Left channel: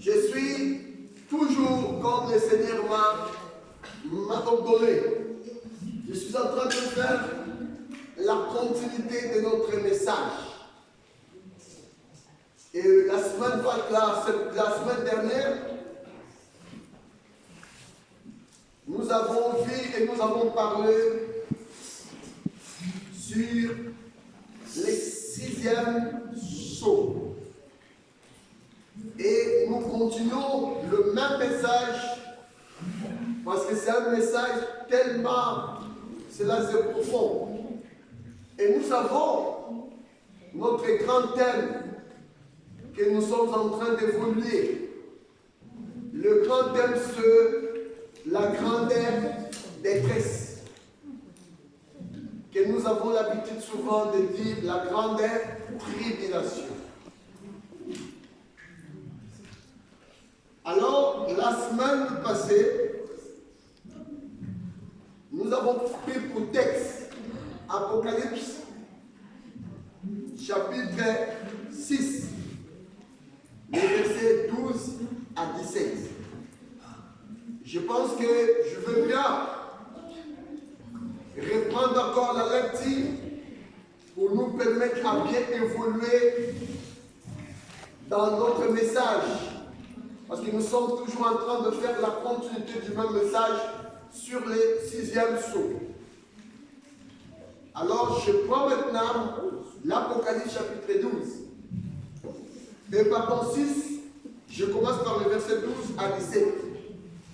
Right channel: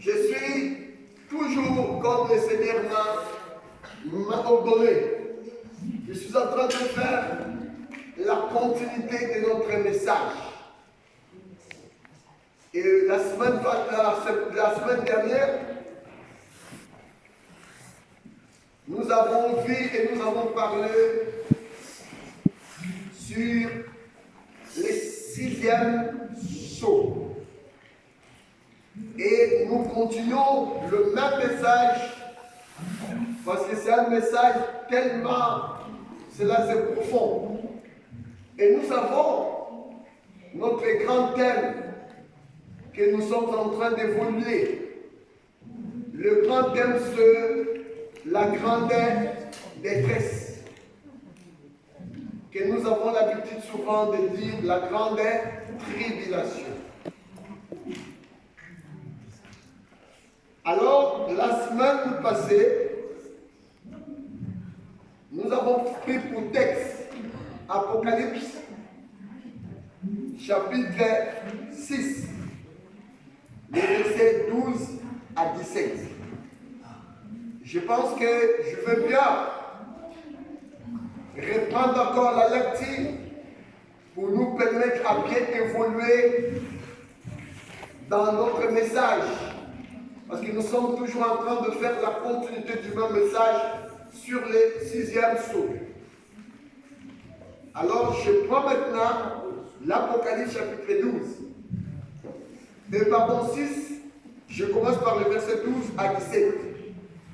Je suis toujours, comme le Seigneur m'a ordonné, je suis en train de faire la continuité de notre message. Et la semaine dernière, nous avons vu et nous avons parlé sur les 6e sceaux. Et nous continuons le même message parce que c'est un message tellement, cela c'est profond. Et nous avons notre grand thème que nous sommes en train d'évoluer. Le grand thème c'est la grandeur détresse. Que nous avons l'habitude souvent de dire la grandeur tribulation. Alors, la semaine passée, nous avons pris pour texte Apocalypse, chapitre 6, les versets 12 à 17. Je pense que je veux bien reprendre encore la lecture pour nous permettre à bien évoluer dans notre message. Parce que nous sommes toujours en train de faire la continuité du même message sur les 6e sceaux. Alors, je prends maintenant l'Apocalypse chapitre 12. Et pardon 6, je commence par le verset 12 à 17.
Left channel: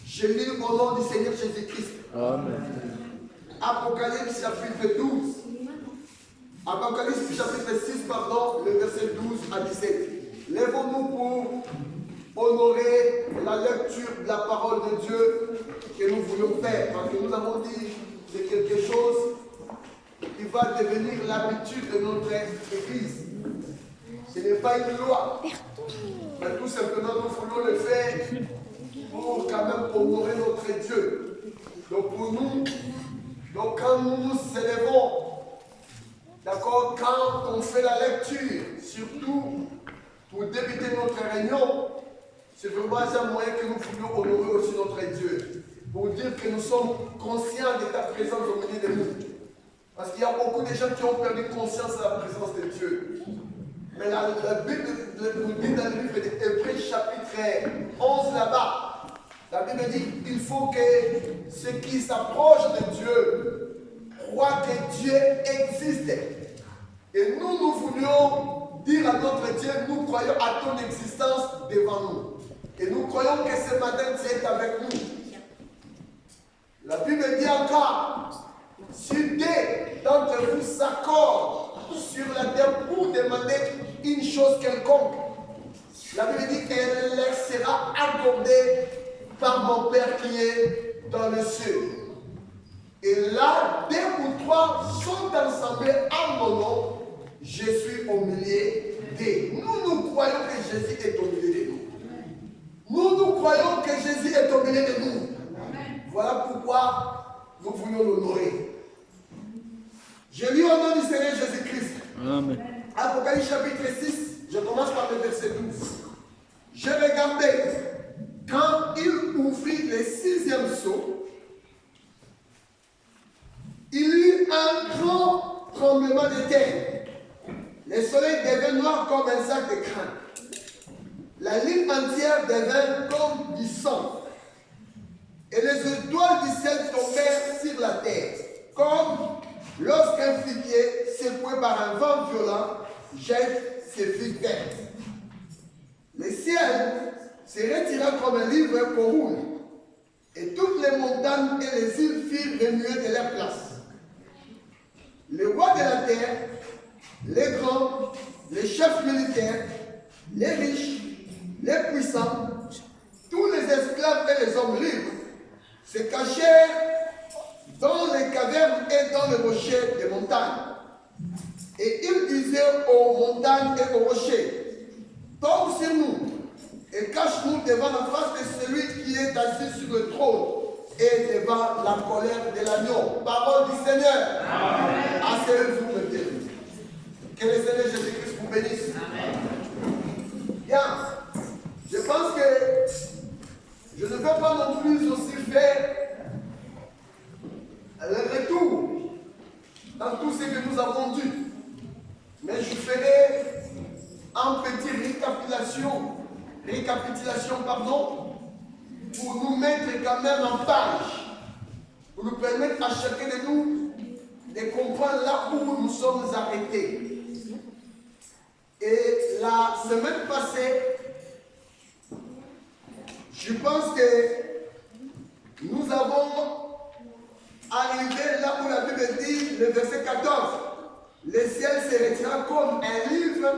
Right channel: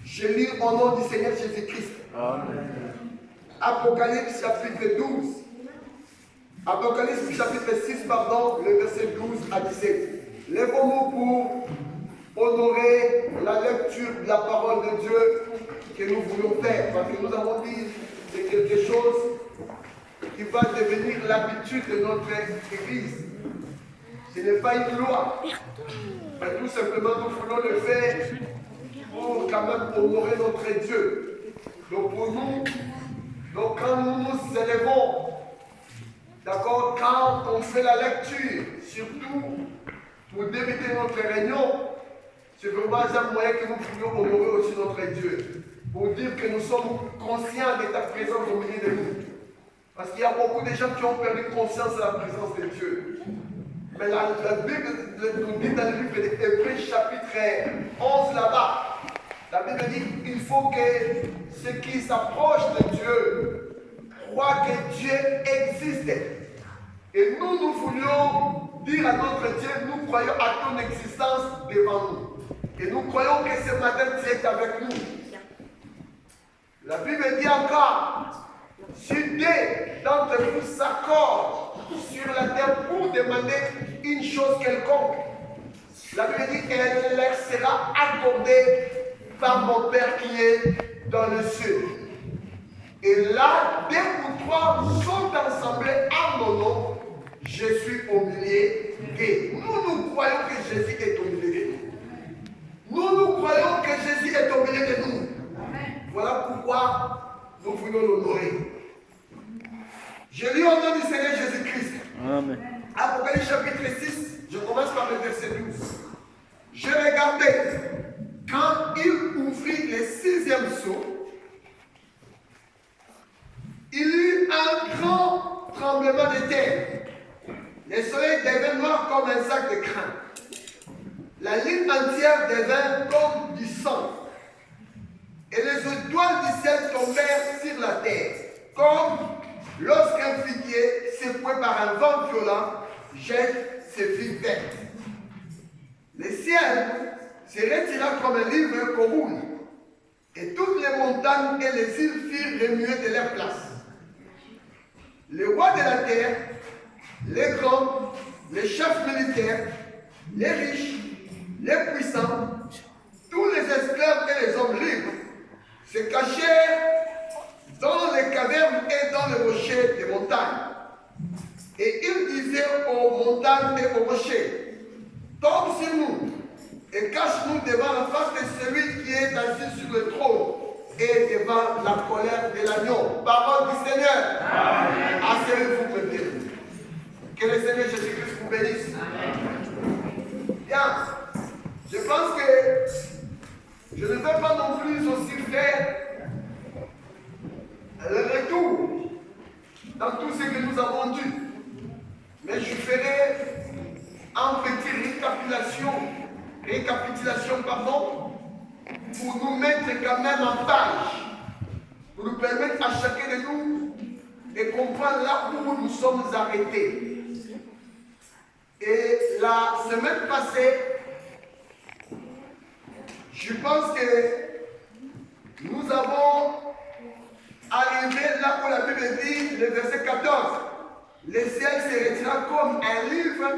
Je lis au nom du Seigneur Jésus-Christ. Amen. Apocalypse chapitre 12. Apocalypse chapitre 6, pardon, le verset 12 à 17. Lèvons-nous pour honorer la lecture de la parole de Dieu que nous voulons faire. Parce que nous avons dit que c'est quelque chose qui va devenir l'habitude de notre Église. Ce n'est pas une loi. Mais tout simplement, nous voulons le faire pour quand même honorer notre Dieu. Donc pour nous, donc quand nous nous élevons, d'accord, quand on fait la lecture, surtout pour débuter notre réunion, c'est vraiment un moyen que nous voulons honorer aussi notre Dieu. Pour dire que nous sommes conscients de ta présence au milieu de nous. Parce qu'il y a beaucoup de gens qui ont perdu conscience de la présence de Dieu. Mais la Bible nous dit dans le livre d'Hébreux chapitre 11 là-bas, la Bible dit qu'il faut que ceux qui s'approchent de Dieu croient que Dieu existe. Et nous voulions dire à notre Dieu, nous croyons à ton existence devant nous. Et nous croyons que ce matin tu es avec nous. La Bible dit encore, si deux d'entre vous s'accordent sur la terre pour demander une chose quelconque, la Bible dit qu'elle leur sera accordée par mon Père qui est dans le ciel. Et là, 2 ou 3 sont assemblés en mon nom, je suis au milieu d'eux. Nous croyons que Jésus est au milieu de nous. Nous croyons que Jésus est au milieu de nous. Voilà pourquoi nous voulons l'honorer. Je lis au nom du Seigneur Jésus-Christ. Apocalypse chapitre 6, je commence par le verset 12. Je regardais quand il ouvrit le 6e sceau, il y eut un grand tremblement de terre. Le soleil devint noir comme un sac de crin. La lune entière devint comme du sang. Et les étoiles du ciel tombèrent sur la terre, comme lorsqu'un figuier, secoué par un vent violent, jette ses figues vertes. Le ciel se retira comme un livre qu'on roule, et toutes les montagnes et les îles firent remuer de leur place. Les rois de la terre, les grands, les chefs militaires, les riches, les puissants, tous les esclaves et les hommes libres se cachèrent dans les cavernes et dans les rochers des montagnes. Et ils disaient aux montagnes et aux rochers, tombe sur nous et cache-nous devant la face de celui qui est assis sur le trône et devant la colère de l'agneau. Parole du Seigneur. Amen. Asseyez-vous peut-être. Que le Seigneur Jésus-Christ vous bénisse. Amen. Bien. Je pense que récapitulation, pour nous mettre quand même en page, pour nous permettre à chacun de nous de comprendre là où nous sommes arrêtés. Et la semaine passée, je pense que nous avons arrivé là où la Bible dit, le verset 14, le ciel se retira comme un livre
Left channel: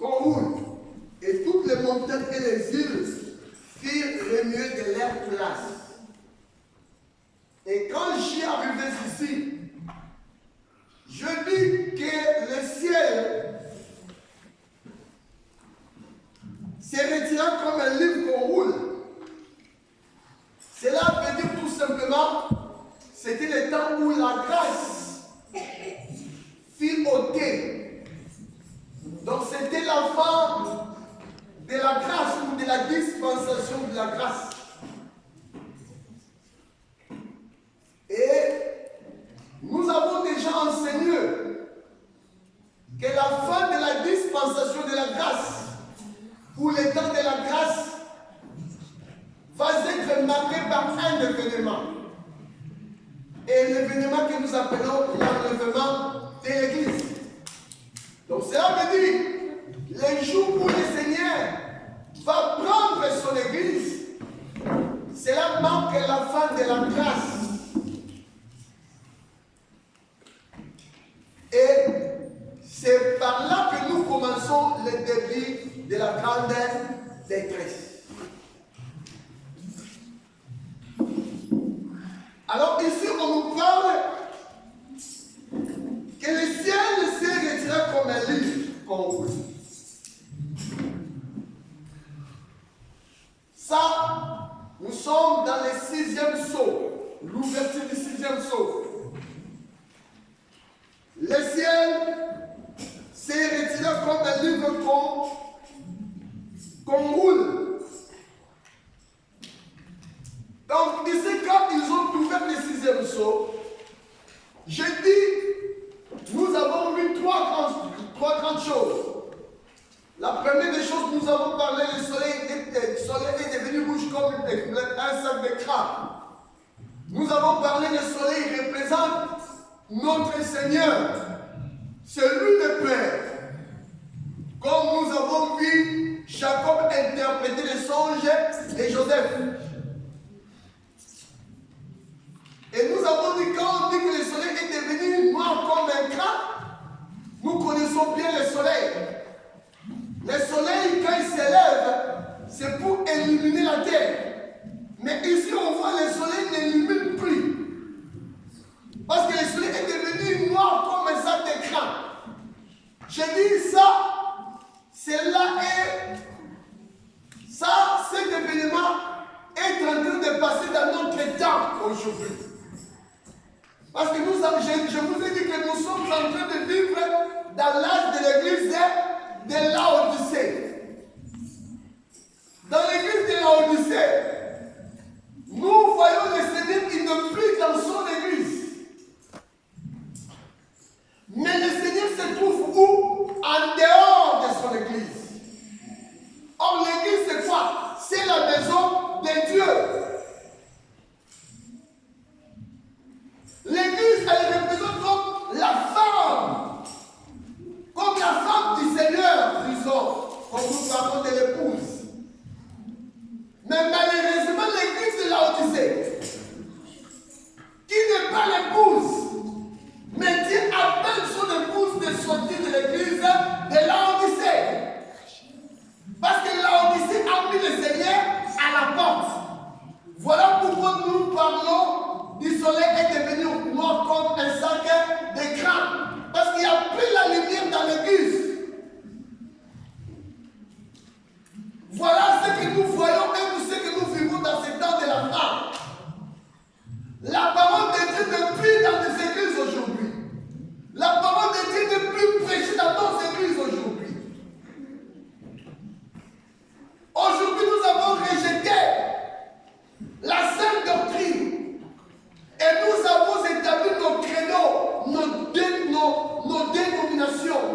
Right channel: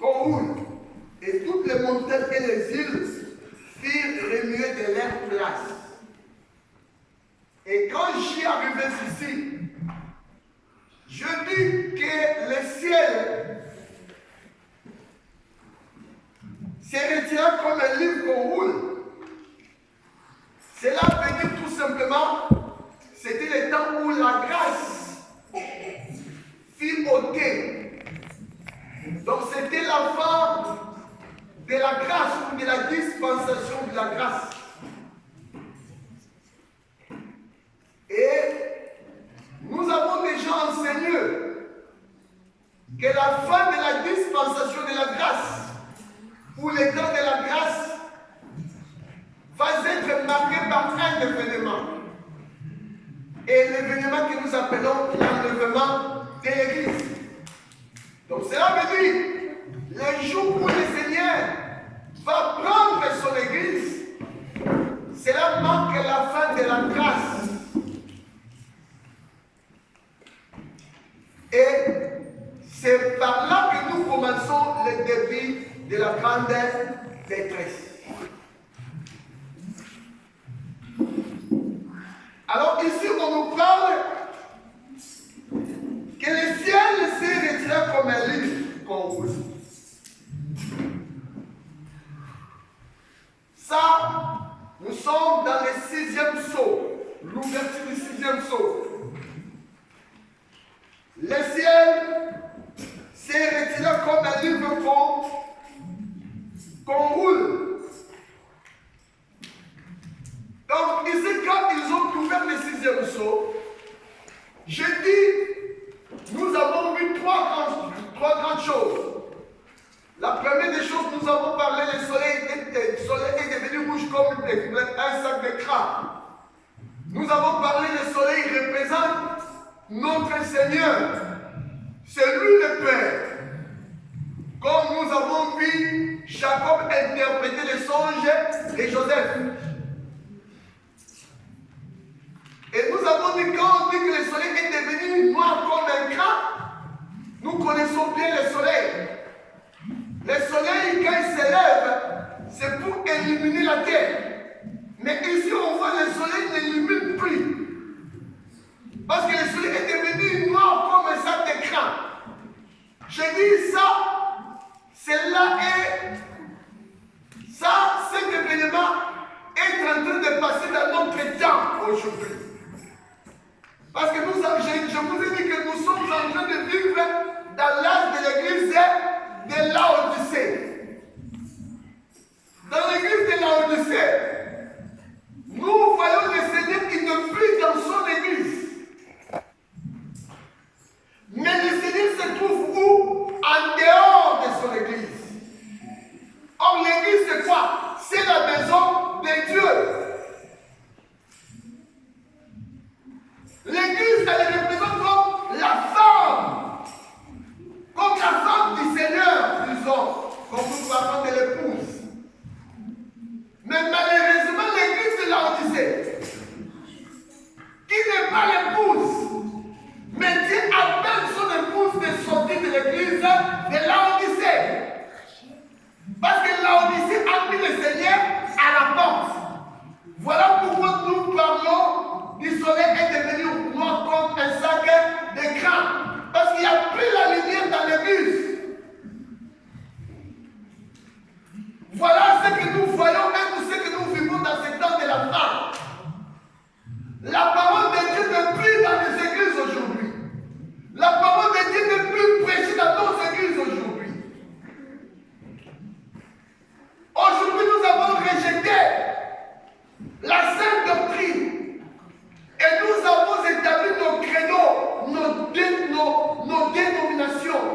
qu'on roule, et toutes les montagnes et les îles firent remuer de leur place. Et quand j'y arrivé ici, je dis que le ciel se retira comme un livre qu'on roule. Cela veut dire tout simplement, c'était le temps où la grâce fut ôtée. Donc c'était la fin de la grâce ou de la dispensation de la grâce. Et nous avons déjà enseigné que la fin de la dispensation de la grâce ou le temps de la grâce va être marqué par un événement. Et l'événement que nous appelons l'enlèvement de l'Église. Donc cela veut dire, le jour où le Seigneur va prendre son Église, cela marque la fin de la grâce. Et c'est par là que nous commençons le début de la grande détresse. Alors ici, on nous parle que le ciel se retire comme un livre qu'on roule. Ça, nous sommes dans le 6e sceau, l'ouverture du 6e sceau. Le ciel se retire comme un livre qu'on roule. Donc ici, quand ils ont ouvert le 6e sceau, je dis, nous avons vu trois grandes choses. La première des choses, nous avons parlé, le soleil est devenu rouge comme un sac de crabe. Nous avons parlé, le soleil représente notre Seigneur. C'est lui le Père. Comme nous avons vu Jacob interpréter les songes de Joseph. Et nous avons dit, quand on dit que le soleil est devenu noir comme un crabe, nous connaissons bien le soleil. Le soleil, quand il s'élève, c'est pour illuminer la terre. Mais ici, on voit le soleil n'illumine plus. Parce que le soleil est devenu noir comme un sac de crabe. Je dis ça, cet événement est en train de passer dans notre temps aujourd'hui. Parce que je vous ai dit que nous sommes en train de vivre dans l'âge de l'église de Laodicée. Dans l'église de Laodicée, nous voyons le Seigneur qui ne plus dans son église. Mais le Seigneur se trouve où? En dehors de son église. Or, l'église, c'est quoi? C'est la maison de Dieu. L'église, elle représente comme la femme. Comme la femme du Seigneur, disons, comme nous parlons de l'épouse. Mais malheureusement, l'église de Laodicée, qui n'est pas l'épouse, mais Dieu appelle son épouse de sortir de l'église de Laodicée. Parce que Laodicée a mis le Seigneur à la porte. Voilà pourquoi nous parlons du soleil est devenu noir comme un sac de crabe. Parce qu'il n'y a plus la lumière dans l'église. Voilà ce que nous voyons et ce que nous vivons dans ce temps de la femme. La parole de Dieu n'est plus dans les églises aujourd'hui. La parole de Dieu n'est plus prêchée dans nos églises aujourd'hui. Aujourd'hui, nous avons rejeté la sainte doctrine. Et nous avons établi nos créneaux, nos dénominations.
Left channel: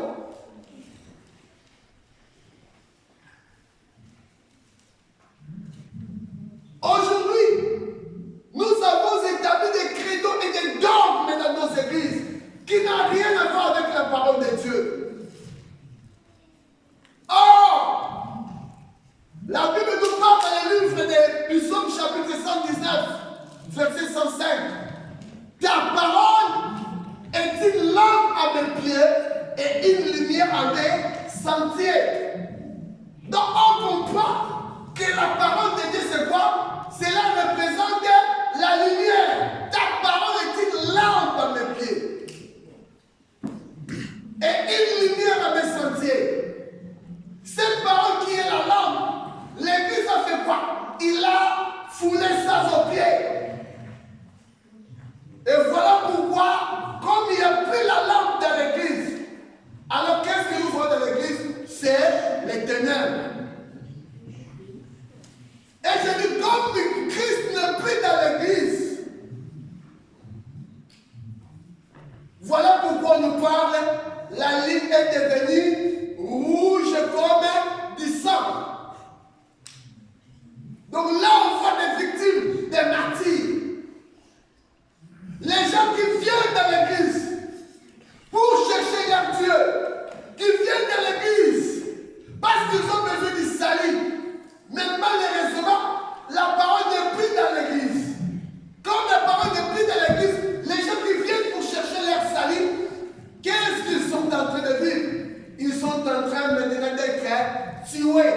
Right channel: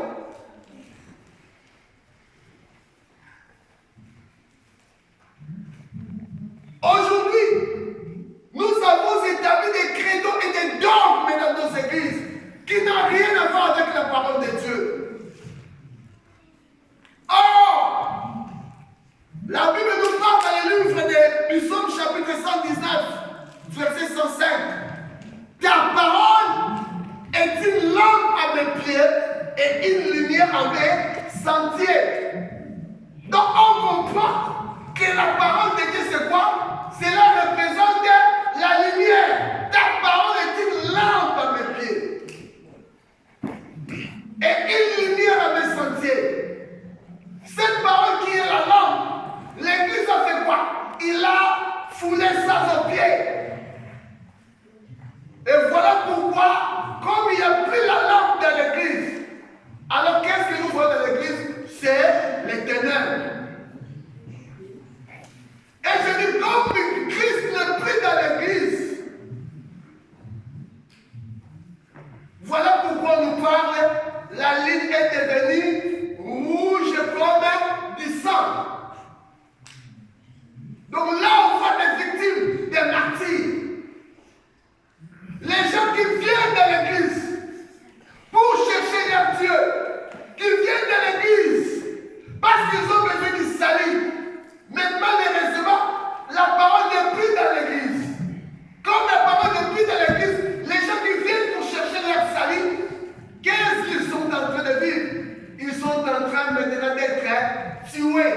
tuer.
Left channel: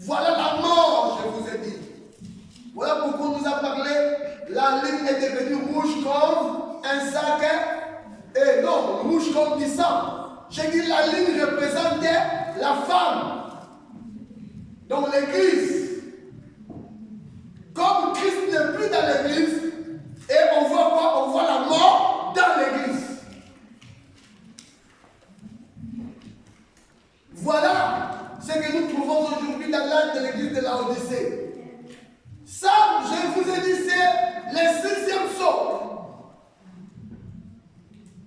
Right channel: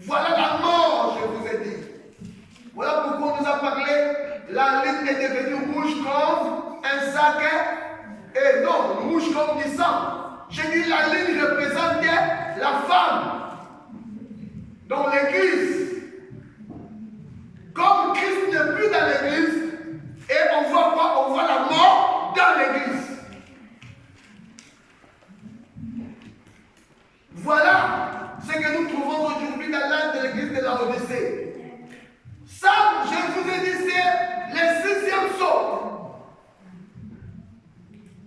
Voilà la mort, je vous ai dit. Voilà pourquoi on nous a parlé. La ligne est devenue rouge comme un sac. Et non, rouge comme du sang. J'ai dit la ligne représentait la femme dans l'église. Comme Christ n'est plus dans l'église, et on voit quoi? On voit la mort dans l'église. Voilà ce que nous trouvons aujourd'hui dans l'âge de l'église de la Odyssée. Ça, je vous ai dit, c'est le 6e sceau.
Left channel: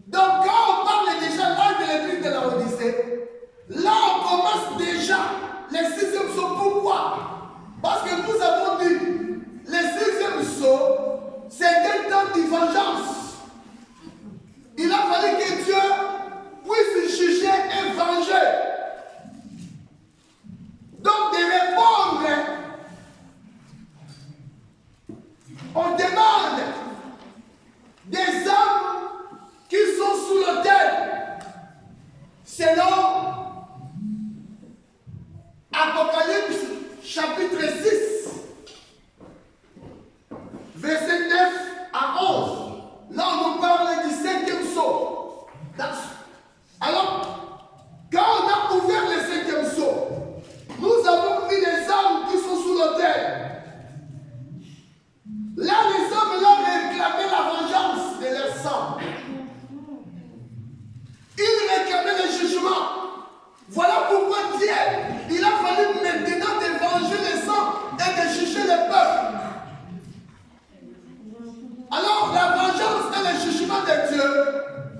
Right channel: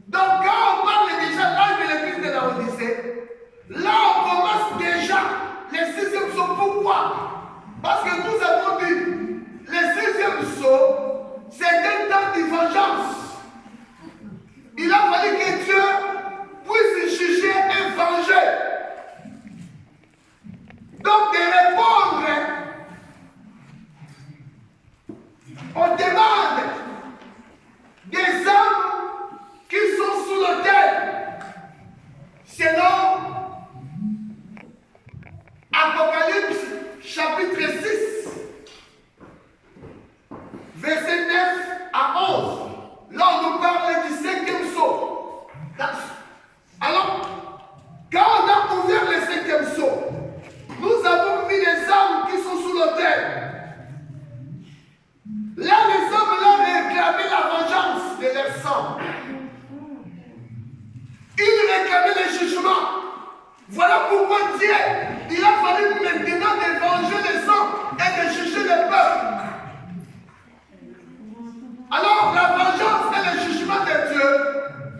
Donc, quand on parle déjà l'âge de l'église de la Odyssée, là, on commence déjà le 6e sceau. Pourquoi? Parce que nous avons dit, le 6e sceau, c'est un temps de vengeance. Il a fallu que Dieu puisse juger et venger. Donc, de répondre aux demandes des hommes qui sont sous l'autel, selon Apocalypse chapitre 6, verset 9 à 11. Là, on nous parle du 5e sceau. Alors, quand on a ouvert le 5e sceau, nous avons mis les hommes qui sont sous l'autel. Là, les hommes là réclamaient la vengeance de leur sang. Ils réclamaient le jugement. Voilà pourquoi Dieu, il a fallu maintenant de venger le sang et de juger le peuple. Alors, la vengeance et le jugement de Dieu,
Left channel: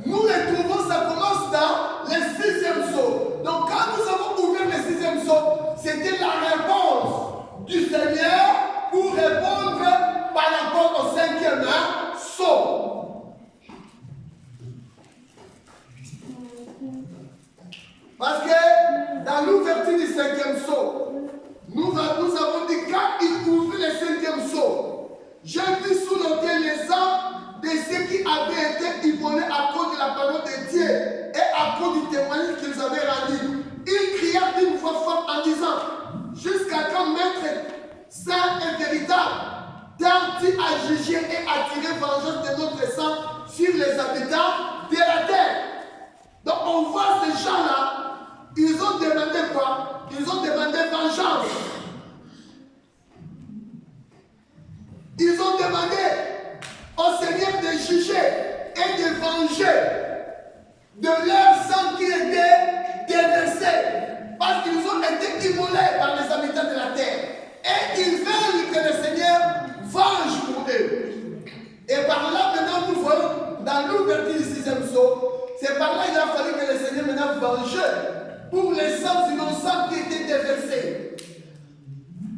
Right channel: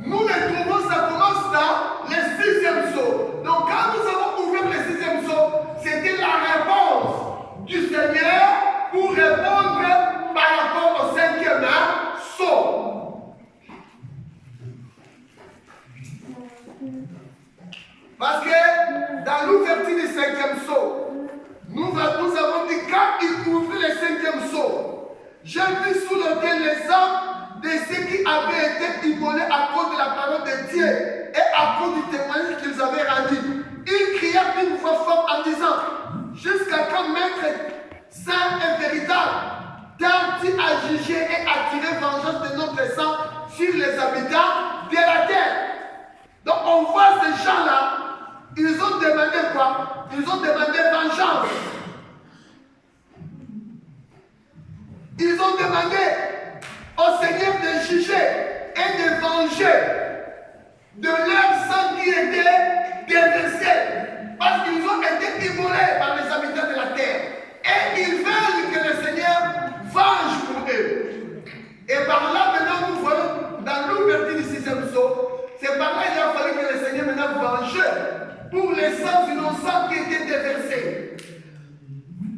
nous les trouvons, ça commence dans le 6e sceau. Donc, quand nous avons ouvert le 6e sceau, c'était la réponse du Seigneur pour répondre par rapport au 5e sceau. Parce que dans l'ouverture du 5e sceau, nous avons dit quand il ouvrit le 5e sceau, j'ai vu sous l'autel les hommes de ceux qui avaient été immolés à cause de la parole de Dieu et à cause du témoignage qu'ils avaient rendu. Ils crièrent d'une voix forte en disant, jusqu'à quand maître saint et véritable, tarde-t-il à juger et à tirer vengeance de notre sang sur les habitants de la terre? Donc on voit ces gens-là, ils ont demandé quoi? Ils ont demandé vengeance. Ils ont demandé au Seigneur de juger et de venger de leur sang qui était déversé. Parce qu'ils ont été immolés par les habitants de la terre. Et ils veulent que le Seigneur venge pour eux. Et par là, maintenant, nous voyons, dans l'ouverture du 6e sceau, c'est par là qu'il a fallu que le Seigneur maintenant venge pour les sangs innocents qui étaient déversés.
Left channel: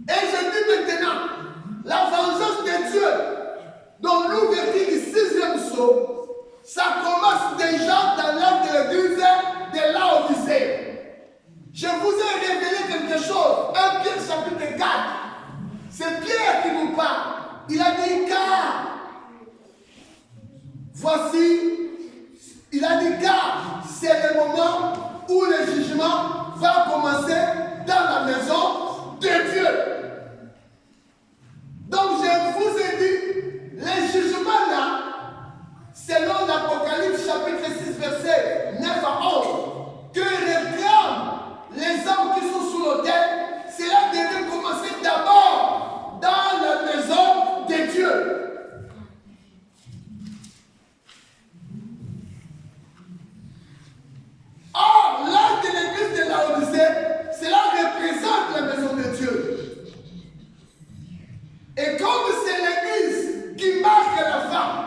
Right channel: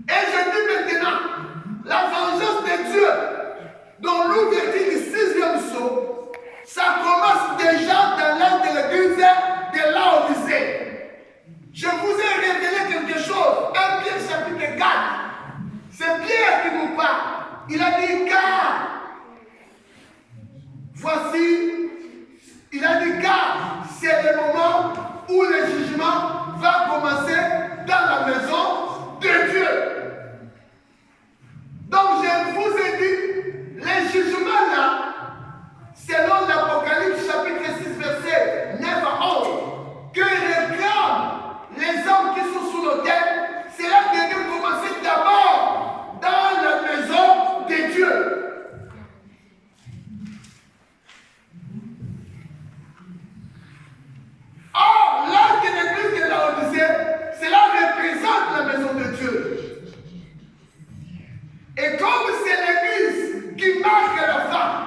Et je dis maintenant, la vengeance de Dieu, dans l'ouverture du 6e sceau, ça commence déjà dans l'âge de l'église de la Odyssée. Je vous ai révélé quelque chose. 1 Pierre chapitre 4. C'est Pierre qui nous parle. Il a dit car. Voici. Il a dit car c'est le moment où le jugement va commencer dans la maison de Dieu. Donc je vous ai dit, les jugements là, selon l'Apocalypse chapitre 6 verset 9 à 11, que réclament les hommes qui sont sous l'autel, cela devait commencer d'abord dans la maison de Dieu. Or, l'âge de l'église de la Odyssée, cela représente la maison de Dieu. Et comme c'est l'église qui marque la femme,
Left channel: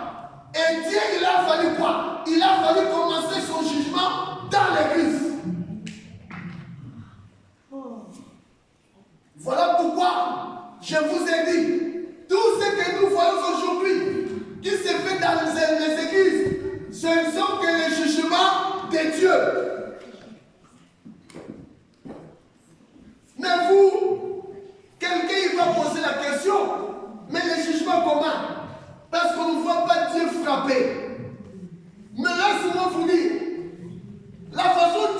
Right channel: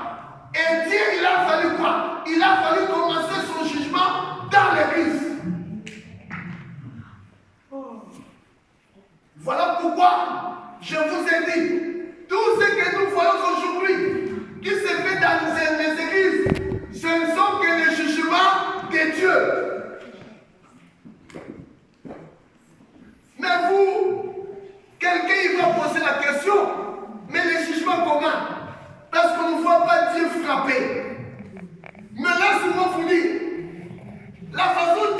et Dieu, il a fallu quoi? Il a fallu commencer son jugement dans l'église. Voilà pourquoi je vous ai dit, tout ce que nous voyons aujourd'hui, qui se fait dans les églises, ce ne sont que les jugements de Dieu. Mais vous, quelqu'un il va poser la question, mais les jugements comment? Parce qu'on ne voit pas Dieu frapper. Mais laissez-moi vous dire, la façon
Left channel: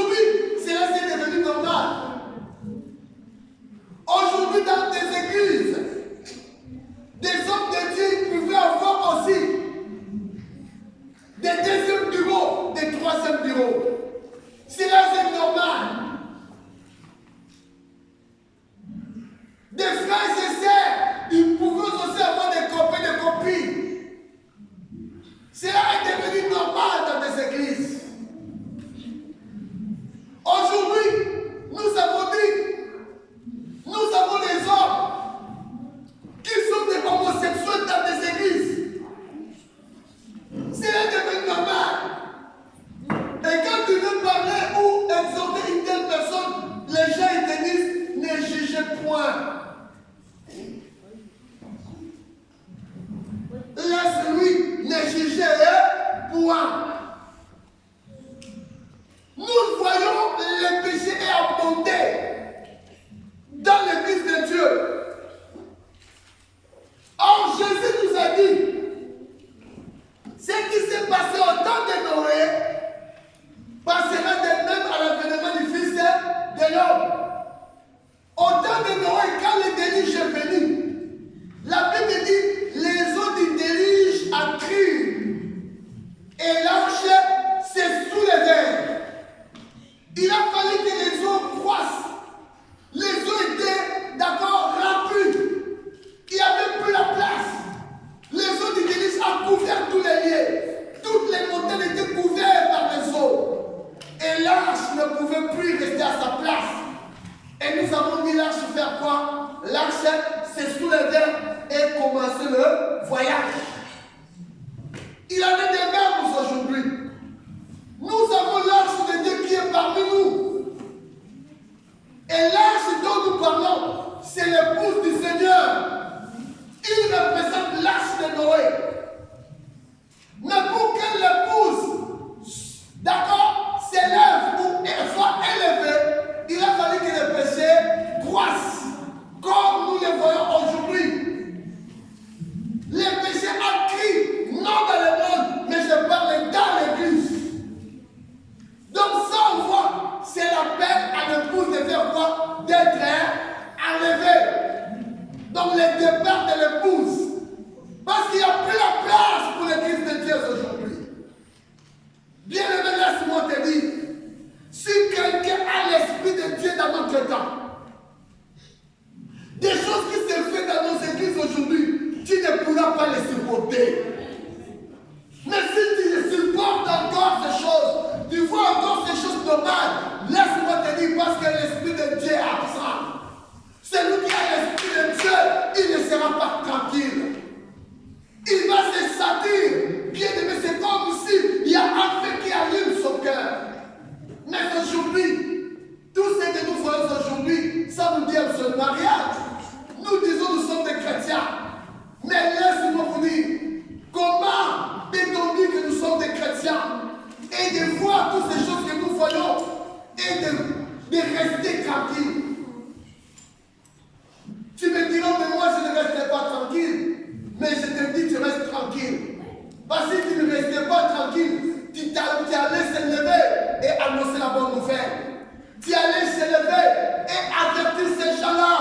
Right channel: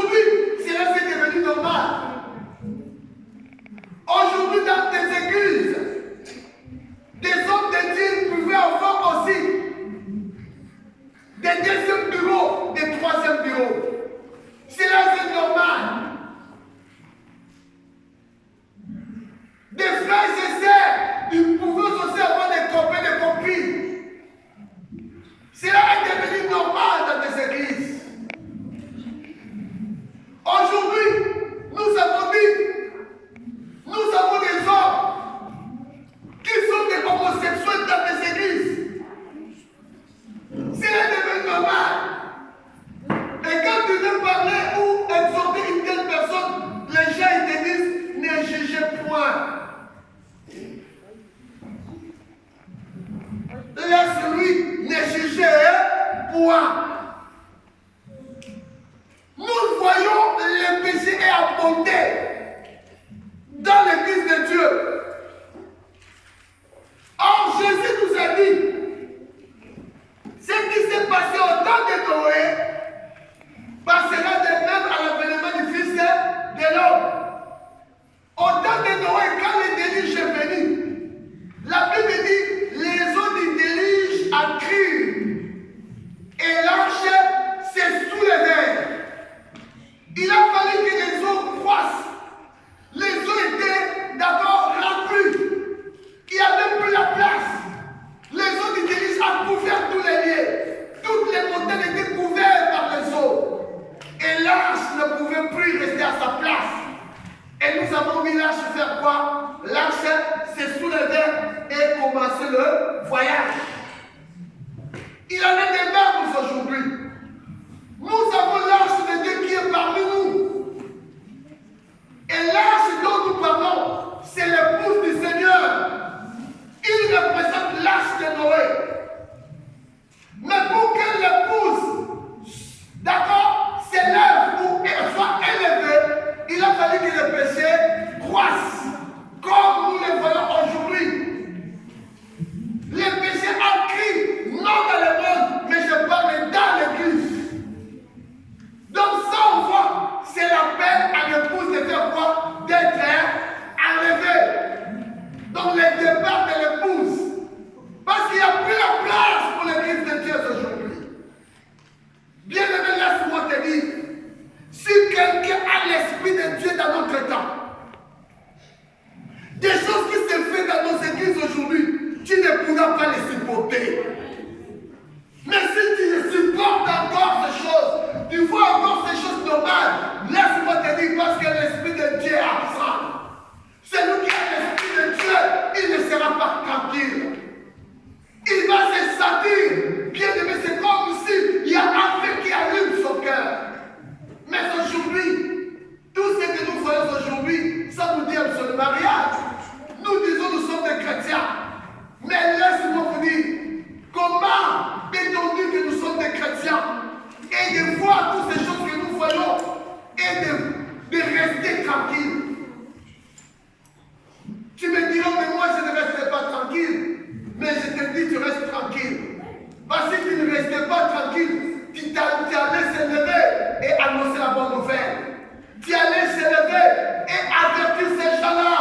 Aujourd'hui, cela c'est devenu normal. Aujourd'hui, dans des églises, des hommes de Dieu pouvaient avoir aussi des deuxièmes bureaux, des troisièmes bureaux. Cela c'est normal. Des frères et sœurs, ils pouvaient aussi avoir des copains, des copines. Cela est devenu normal dans les églises. Aujourd'hui, nous avons des hommes qui sont des homosexuels dans les églises. Cela est devenu normal. Et quand tu veux parler ou exhorter une telle personne, les gens ils te disent, ne jugez point. Laisse-lui ne juger point. Nous voyons le péché est abondé dans l'église de Dieu. Or, Jésus nous a dit, ce qui s'est passé au temps de Noé passera de même à l'avènement du Fils de l'homme. Au temps de Noé, quand le déluge est venu, la Bible dit, les eaux du déluge accruent et l'arche s'est soulevée. Il a fallu que les eaux croissent. Les eaux étaient d'accord remplies. Il n'y avait plus la place. Les eaux du déluge ont couvert tous les lieux. Toutes les montagnes étaient couvertes par les eaux. Et l'arche ne pouvait plus rester à sa place. Et nous avons mis l'arche faire quoi? L'arche s'est soulevée et commencé le voyage. Il en est des mêmes aujourd'hui. Nous avons l'arche de Dieu qui est parmi nous. Et l'arche dont nous parlons, c'est l'épouse du Seigneur. Il représente l'arche de Noé. Mais pour que l'épouse, d'accord, s'élève ou soit élevée, il a fallu que le péché croisse, comme nous le voyons aujourd'hui. Le péché a crié, non dans le monde, mais je parle dans l'église. Donc ça on voit, c'est l'appel à l'épouse de faire quoi? D'être enlevée. Donc le départ de l'épouse. Parce qu'il n'y a plus la place pour l'église de Dieu aujourd'hui. Bien aimé, laisse-moi te dire, si quelqu'un a l'esprit de Dieu dans notre temps, des choses qui se font dans nos églises aujourd'hui, tu ne pourras pas les supporter. Mais si tu supportes encore ces choses, tu vois encore ces choses normales, laisse-moi te dire, parce que l'esprit de Dieu est absent. Celui qui a l'esprit de Dieu, il ne sera pas tranquille. Il va se sentir, bien aimé, c'est comme si il y a un feu qui allume son cœur. Mais aujourd'hui, tout ce que nous voyons aujourd'hui, ça nous dit absolument rien. Nous disons nous sommes des chrétiens. Mais laissez-moi vous dire, comment peut-on dire que nous sommes des chrétiens et de voir toutes ces choses que nous voyons et de rester tranquille? Tu me diras, mais moi je ne resterai pas tranquille. Mais je te dis, tu restes tranquille. Parce que tu ne restais pas tranquille, tu allais se lever et annoncer la bonne nouvelle. Tu allais se lever et avertir ces gens-là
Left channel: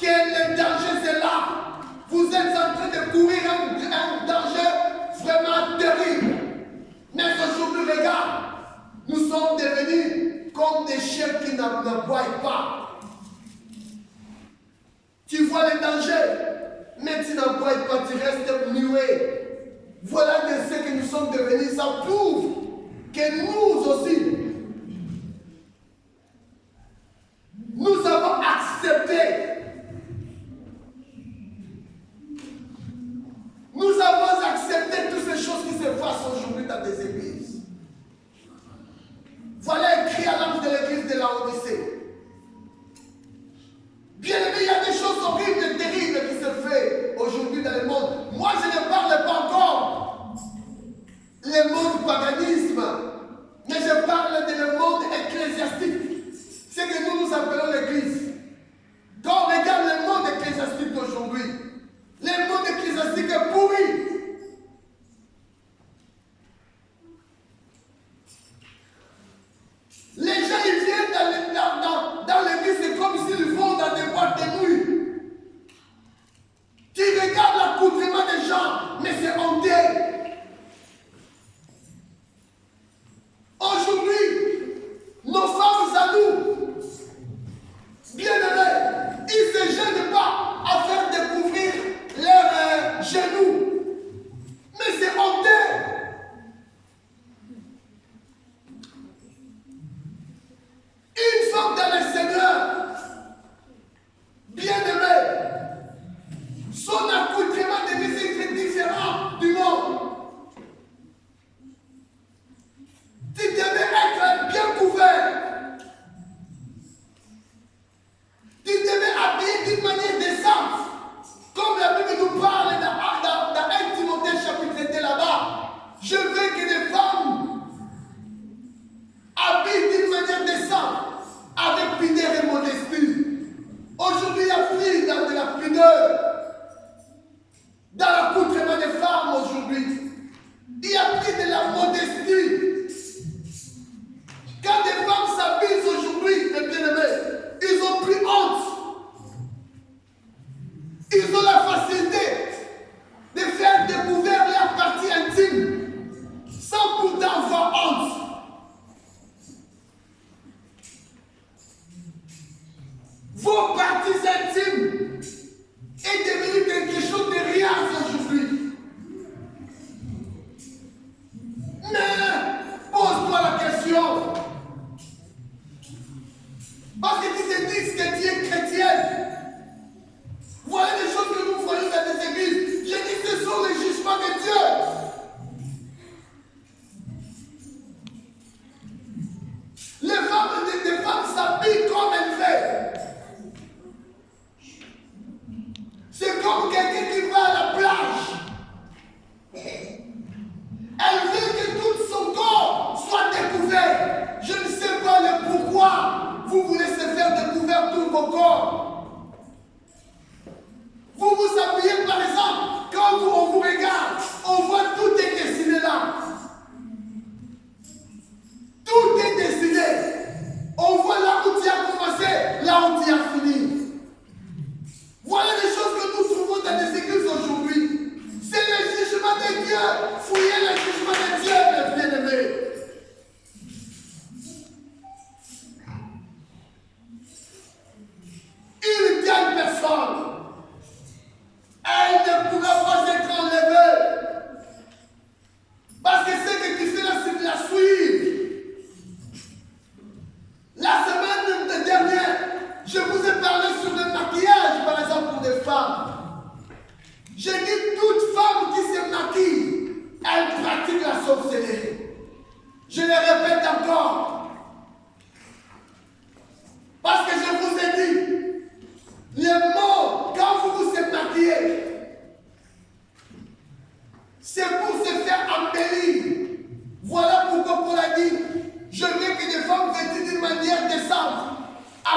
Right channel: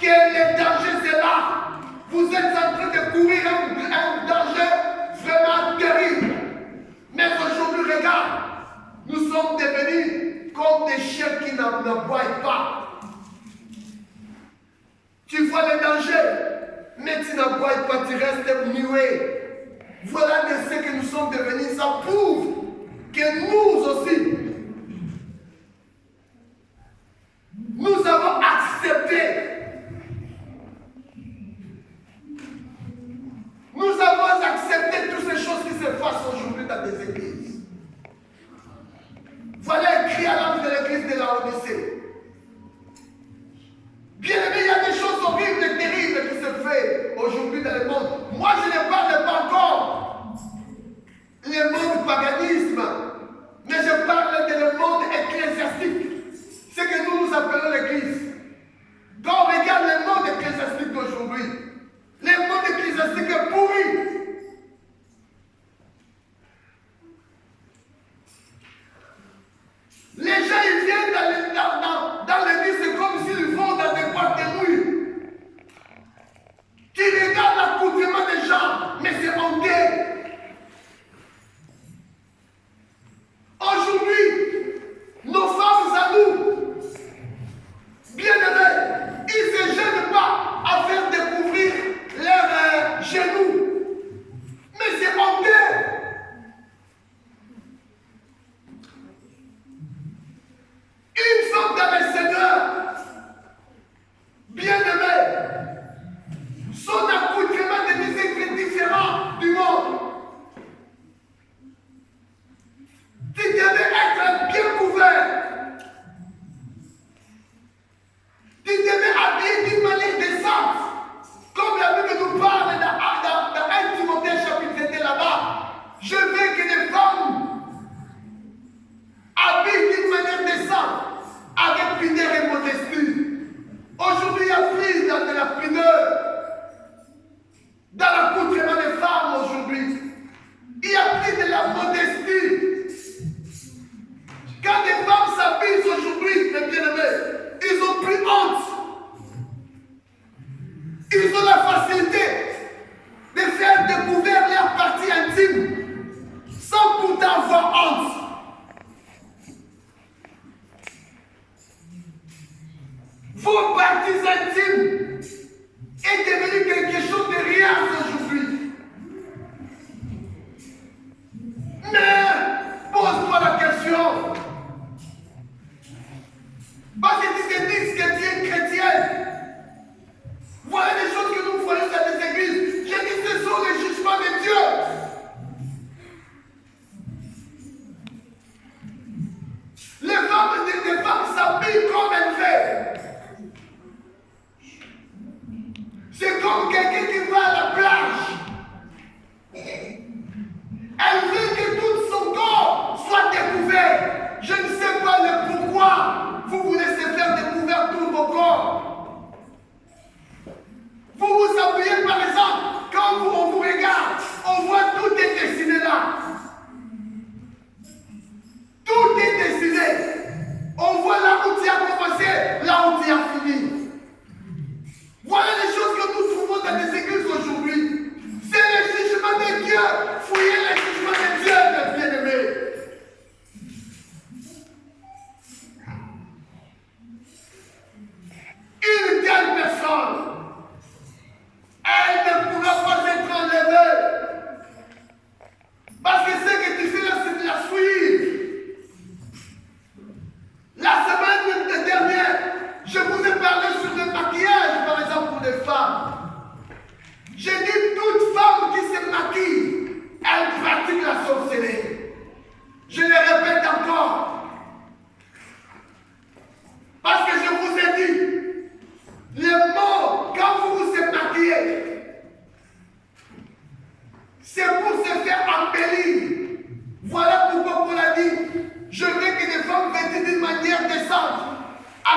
que le danger c'est là. Vous êtes en train de courir un danger vraiment terrible. Mais aujourd'hui, regarde, nous sommes devenus comme des chiens qui n'aboient pas. Tu vois le danger, mais tu n'aboies pas, tu restes muet. Voilà de ce que nous sommes devenus. Ça prouve que nous aussi, nous avons accepté. Nous avons accepté toutes ces choses qui se passent aujourd'hui dans des églises. Voilà écrit à l'âme de l'église de Laodicée. Bien aimé, il y a des choses horribles et terribles qui se font aujourd'hui dans le monde. Moi, je ne parle pas encore le monde paganisme, mais je parle de le monde ecclésiastique. Ce que nous appelons l'église. Quand on regarde le monde ecclésiastique d'aujourd'hui, le monde ecclésiastique est pourri. Les gens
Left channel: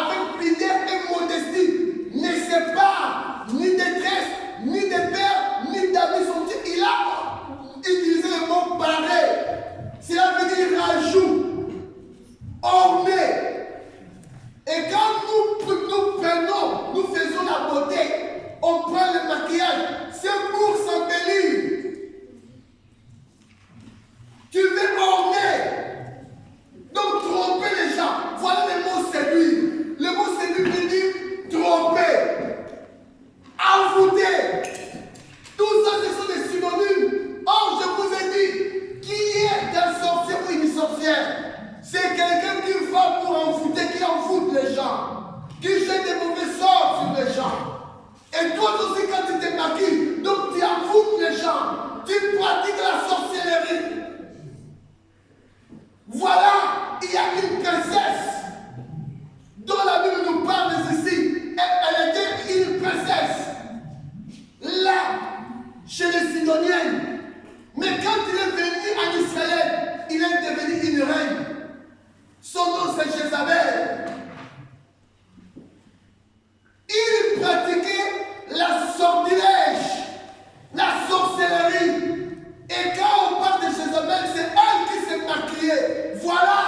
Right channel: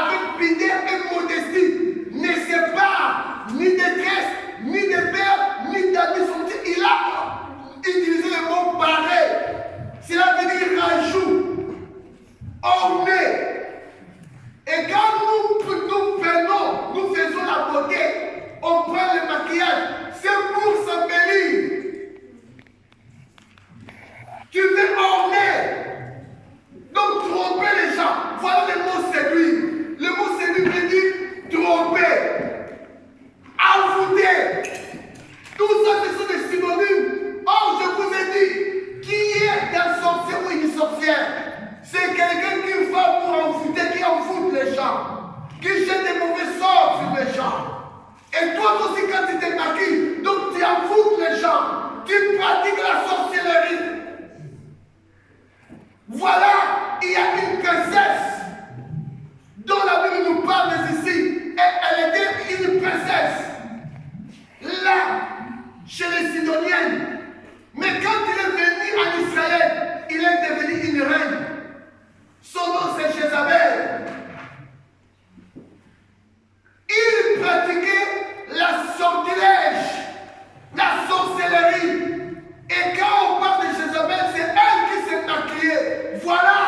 avec prière et modestie, ne sépare ni de détresse, ni de père, ni d'amis. Il a utilisé le mot pareil. Cela veut dire rajout, orné. Et quand nous prenons, nous faisons la beauté, on prend le maquillage, c'est pour s'embellir. Tu veux orner, donc tromper les gens. Voilà le mot séduire. Le mot séduire veut dire tromper, envoûter. Tout ça, ce sont des synonymes. Or, je vous ai dit, qui est un sorcier ou une sorcière? C'est quelqu'un qui va pour envoûter, qui envoûte les gens, qui jette des mauvais sorts sur les gens. Et toi aussi, quand tu te maquilles, donc tu envoûtes les gens, tu pratiques la sorcellerie. Voilà, il y a une princesse dont la Bible nous parle ici. Elle était une princesse là, chez les Sidoniennes. Mais quand il est venu en Israël, il est devenu une reine. Son nom c'est Jézabel. Il pratiquait la sortilège, la sorcellerie. Et quand on parle de Jézabel, c'est elle qui s'est maquillée. Voilà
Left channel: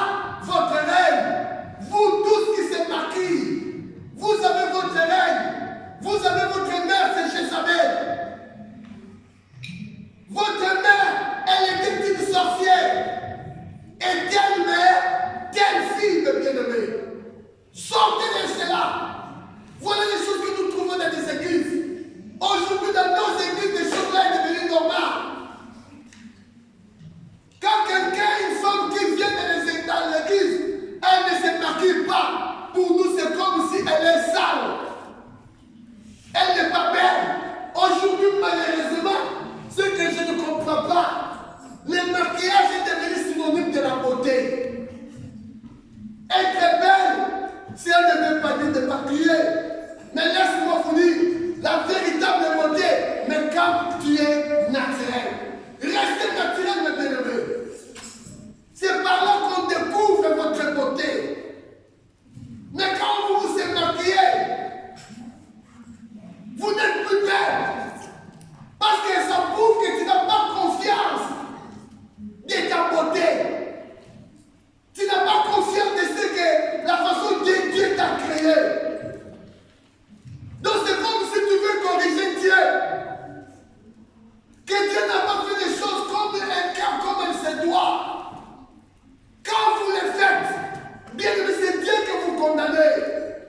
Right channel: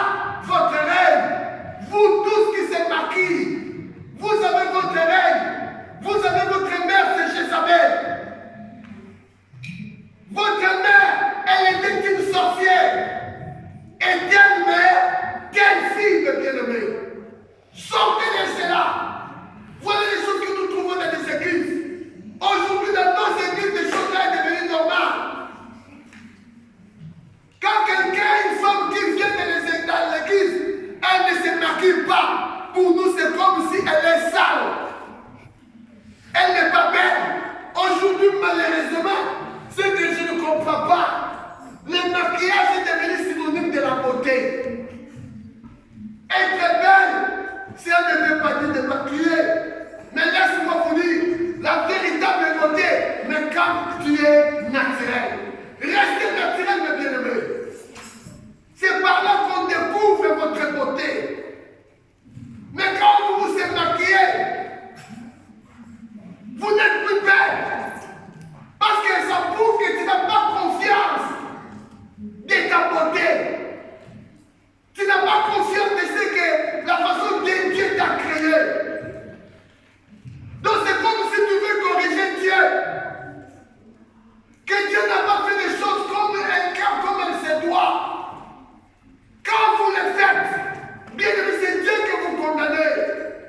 votre reine. Vous tous qui s'est maquillés, vous avez votre reine. Vous avez votre mère, c'est Jézabel. Votre mère, elle était une sorcière. Et quelle mère, quelle fille de bien-aimé. Sortez de cela. Voilà les choses que nous trouvons dans les églises. Aujourd'hui, dans nos églises, des choses-là sont devenues normales. Quand quelqu'un, une femme qui vient dans l'église, elle ne se maquille pas. Pour nous, c'est comme si elle est sale. Elle n'est pas belle. Aujourd'hui, malheureusement, ce que je ne comprends pas, le maquillage est devenu synonyme de la beauté. Être belle, si elle ne veut pas dire de maquiller, mais laisse-moi vous dire, la véritable beauté, mais quand tu es naturel. Restez naturel, mes bien-aimés. C'est par là qu'on découvre votre beauté. Mais quand vous vous êtes maquillé, vous n'êtes plus belle. Parce que ça prouve que tu n'as pas confiance de ta beauté. Tu n'as pas confiance de ce que la façon dont Dieu t'a créé. Donc c'est comme si tu veux corriger Dieu. Que Dieu n'a pas fait des choses comme un cœur, comme elle se doit. Quand vous le faites, bien aimé, c'est Dieu que vous condamnez.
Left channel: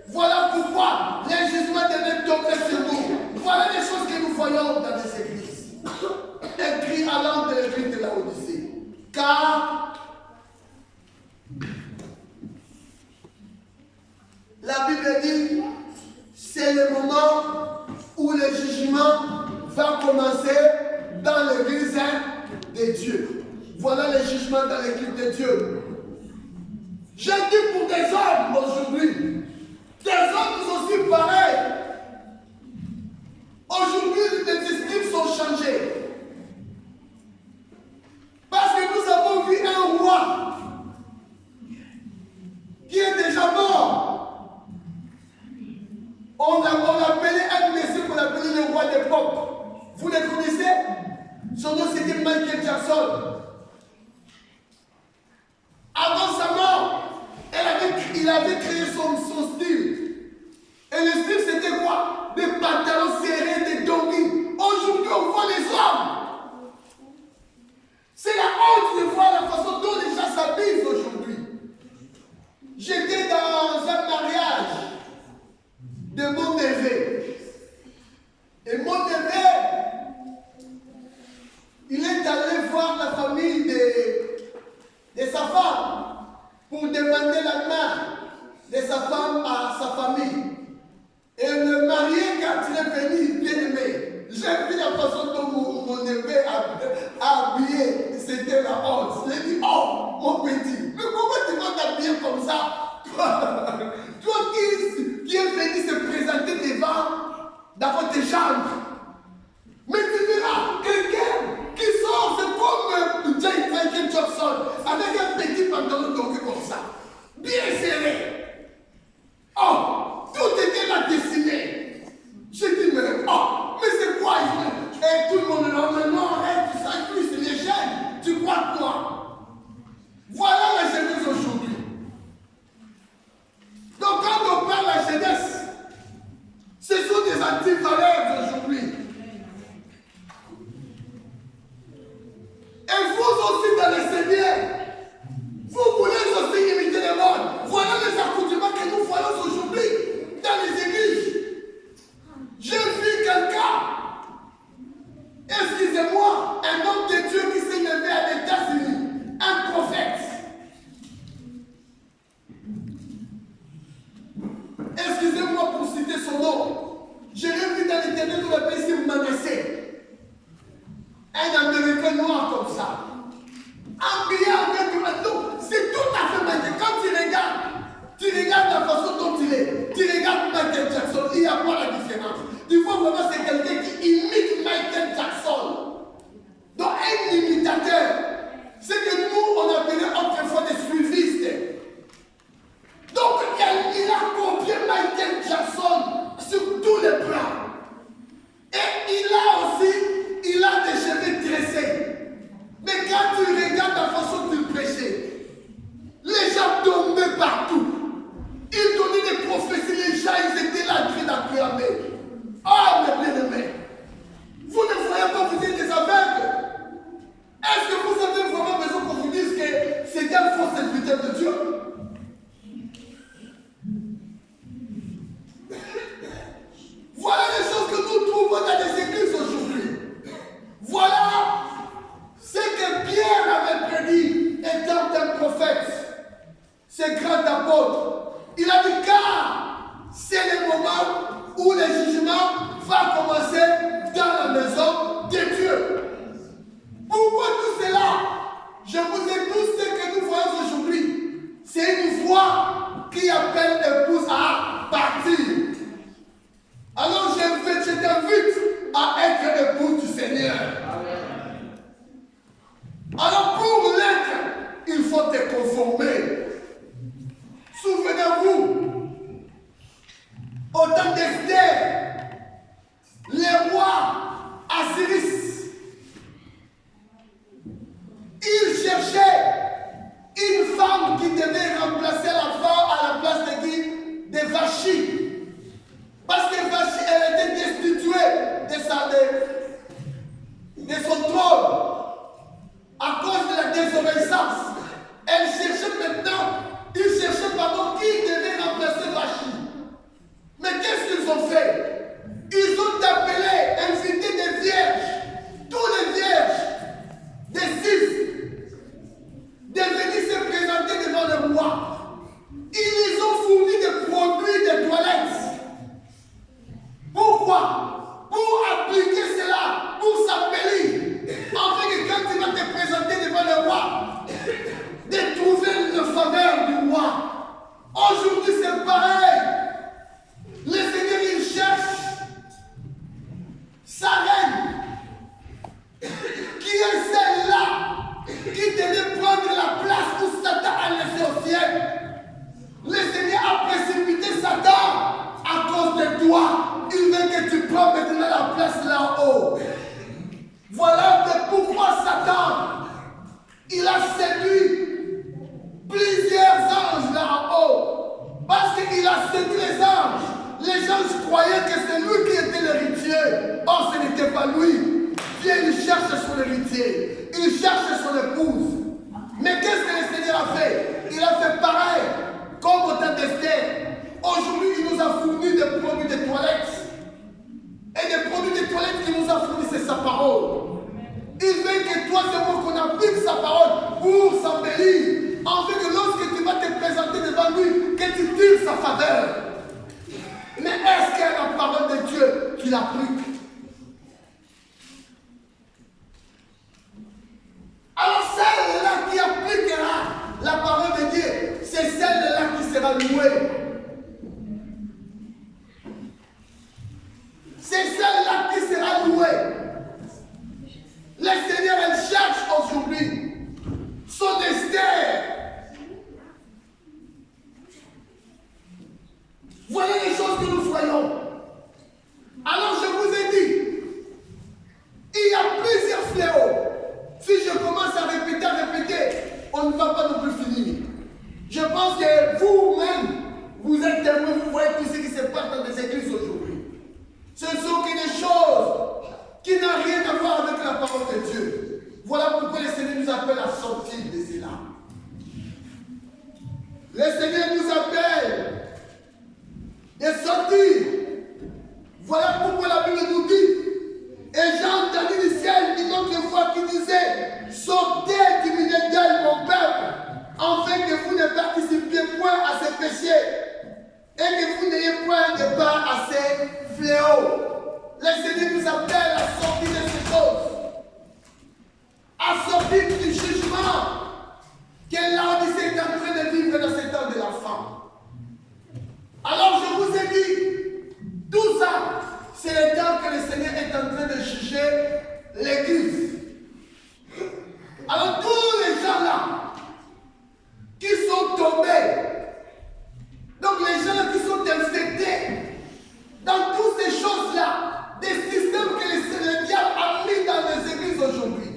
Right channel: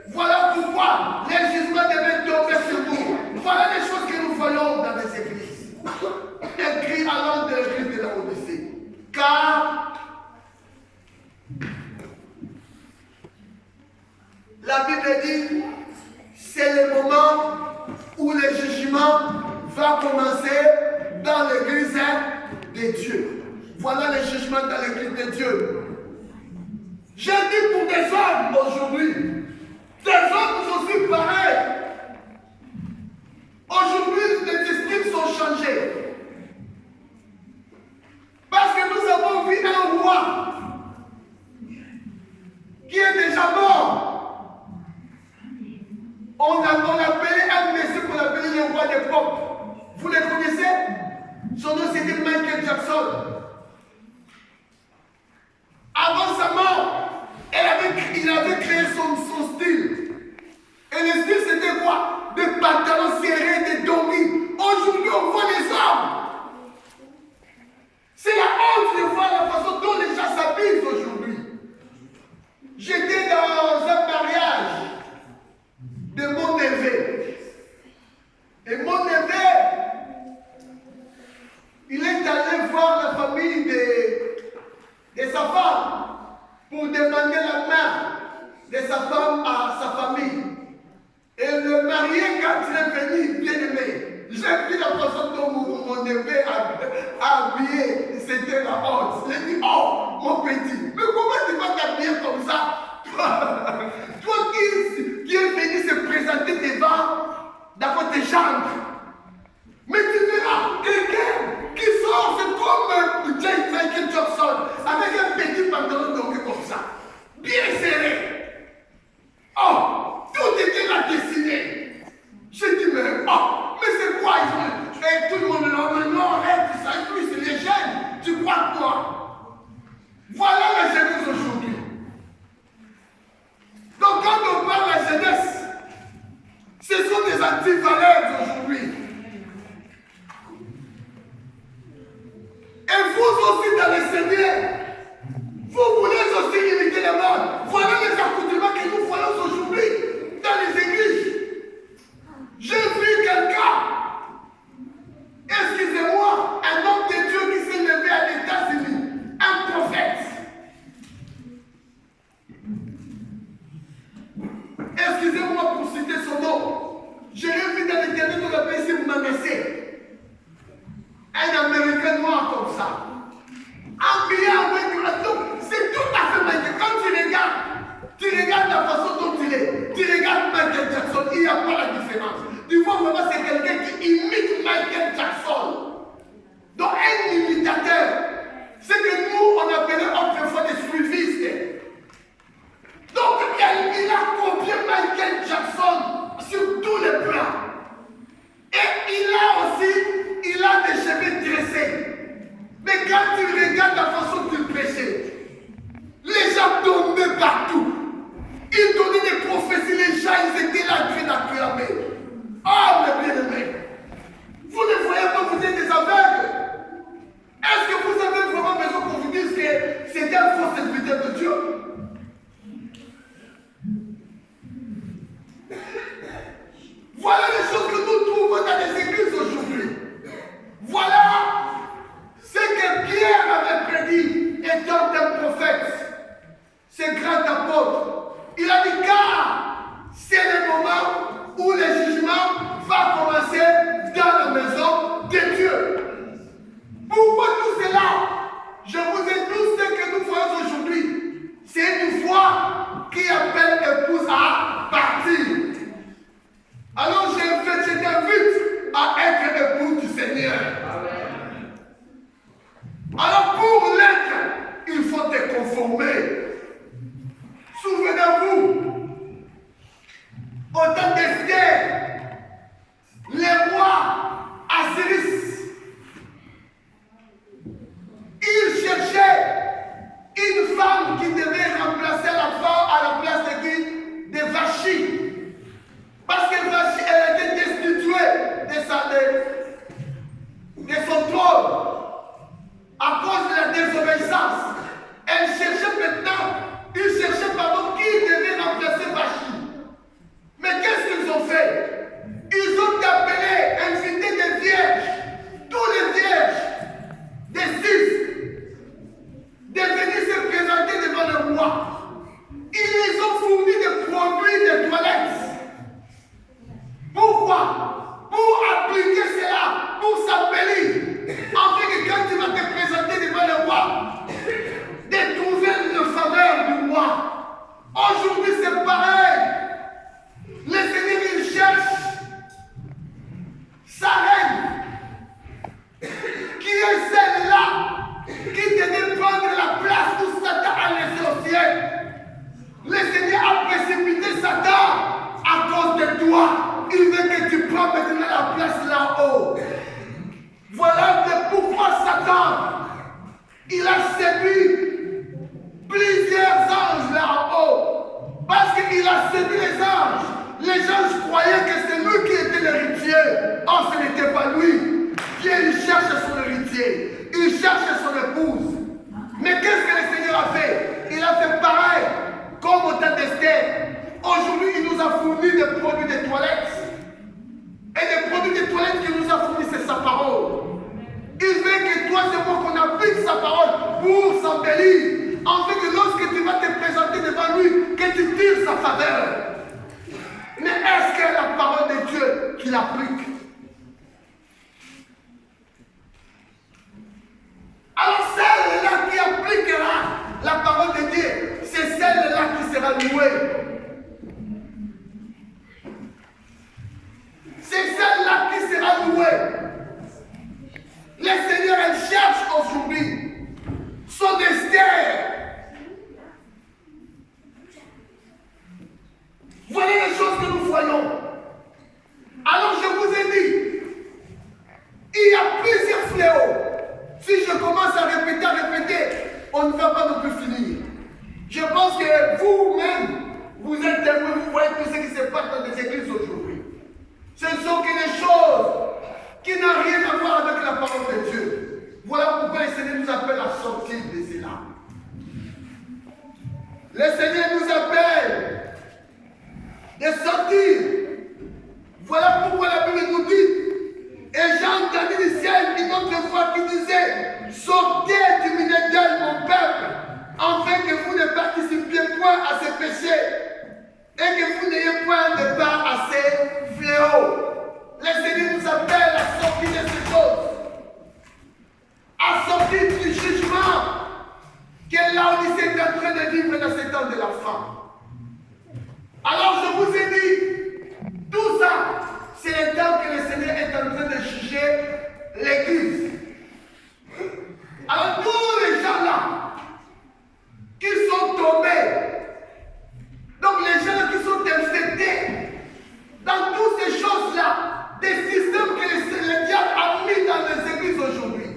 Voilà pourquoi les jugements devaient tomber sur vous. Voilà les choses que nous voyons dans les églises. Écrit à l'ordre de l'église de la Odyssée. Car la Bible dit, c'est le moment où le jugement va commencer dans l'église de Dieu. Voilà le jugement dans l'église de Dieu. Je dis pour des hommes aujourd'hui, des hommes aussi pareils. Aujourd'hui, les estimes sont changées. Parce que nous avons vu un roi qui est déjà mort. On appelait un monsieur qu'on appelait le roi des pop. Vous le connaissez? Son nom c'était Michael Jackson. Avant sa mort, il avait créé son style. Et le style c'était quoi? Des pantalons serrés, des doggies. Aujourd'hui on voit les hommes. C'est la honte de voir la façon dont les gens s'habillent aujourd'hui. J'étais dans un mariage de mon neveu. Et mon neveu, il est allé voir la famille de sa femme pour demander la main de sa femme à sa famille. Et le marié, quand il est venu, bien aimé, j'ai vu la façon dont mon neveu a habillé, c'était la honte. J'ai dit, oh, mon petit, mais comment tu vas t'habiller comme ça? Toi qui es venu se présenter devant tes chambres. Mais tu verras quelqu'un qui sort, c'est comme Michael Jackson, avec un petit pantalon donc comme ça, bien serré. Oh, citer son nom. Je l'ai vu dans l'Éternel dans le pays Manassé. Un Américain noir comme ça. Habillé avec... Donc, c'est tout à fait magnifique. Quand tu regardes la façon dont il est. Tu regardes Michael Jackson, il n'y a pas la différence. Tu vois vraiment c'est quelqu'un qui imite Michael Jackson. Donc un imitateur. C'est que nous, on appelait autrefois des suivistes. Donc il a copié Michael Jackson sur tous les plans. Et il a des cheveux tressés. Mais quand tu regardes la façon dont il prêchait, les gens tombaient partout. Il donnait des prophéties, les gens, ils étaient là en train d'acclamer. Oh, mes bien-aimés, vous ne voyez pas, vous êtes des aveugles. Est-ce que vous avez vraiment besoin qu'on vous dise que c'est un faux serviteur de Dieu? Voilà les choses que nous trouvons dans les églises aujourd'hui. Voilà ce que Pierre avait prédit étant un prophète, ce grand apôtre. Il a dit car c'est le moment où le jugement va commencer dans la maison de Dieu. Pourquoi tout cela? Je vous ai dit ce que nous voyons aujourd'hui. C'est une voix qui appelle l'épouse à partir. Alors je t'invite à être épouse du Seigneur. Alors pour l'être, il faut te conformer. Souvenez-vous, au temps d'Esther, les rois Assyris, ils cherchaient une femme qui devait remplacer la femme à la place de qui? De Vachi. Parce que Vachi, elle était destituée de son trône à cause de la désobéissance. Elle cherchait qui devait remplacer Vachi. Mais qu'est-ce qu'ils ont fait? Ils ont appelé, invité des vierges, tous les vierges, des 6, de venir se présenter devant le roi. Ils les ont fourni des produits de toilette. Pourquoi? Pour appliquer cela, pour s'embellir. Afin que quand tu vas te présenter devant le roi, de trouver le faveur du roi. Aujourd'hui, c'est pareil. Le Seigneur, il cherche sa reine, qui est celle-là, qui devait prendre la place où Satan a laissé au ciel. Le Seigneur a précipité Satan à cause de toi. Il veut que tu prennes maintenant la place là-haut. Voilà pourquoi Satan, il a séduit plusieurs anges là-haut. Parce qu'il a séduit les anges. Les anges croyaient que c'est lui qui était l'héritier. Or, ce n'était pas lui. Dieu, il cherche son héritier. Il cherche son épouse. Mais qu'est-ce que le Seigneur a fait? Il a fait pareil. Comme au temps d'Esther. Aujourd'hui, il nous a fourni des produits de toilette. Et des produits de toilette qu'il nous a fournis, c'est sa parole. Il veut que toi, c'est moi qu'on applique sa parole pour s'embellir. En fait, que lorsque tu vas te présenter devant lui, que tu tires sa faveur. Mais est-ce que la parole de Dieu qu'il applique? Alors celle-là qui appliquera la parole de Dieu, c'est celle-là qui sera louée. C'est celle-là qui sera louée. Le Seigneur, elle cherche aujourd'hui son Esther. Voilà les choses que nous voyons. Alors je vous ai dit, il y a plusieurs fléaux. Si je commence à répéter, on ne va pas non plus finir. Je pense que vous-même, vous êtes témoins, vous voyez tout ce qui se passe dans les églises aujourd'hui. Ce ne sont que des choses qui n'ont rien à voir avec la parole de Dieu. Voilà pourquoi le Seigneur nous appelle à sortir de cela. Le Seigneur nous appelle de sortir. Voilà pourquoi la Bible nous dit, et j'ai entendu du ciel une autre voix qui disait, sortez du milieu d'elle, mon peuple, afin que vous ne participiez point à ce péché, et que vous n'ayez point de part Seigneur nous appelle à sortir de ces choses, à sortir du jugement que l'Odyssée est en train de vivre dans ce temps de la fin. Alors je vous ai dit, tout ça, c'est le temps que le Seigneur est en train de juger l'Église. Alors tous les gens là, qui sont tombés, donc les gens là qui sont infectés, dans toutes ces choses-là, des systèmes que le diable a mis dans les églises aujourd'hui,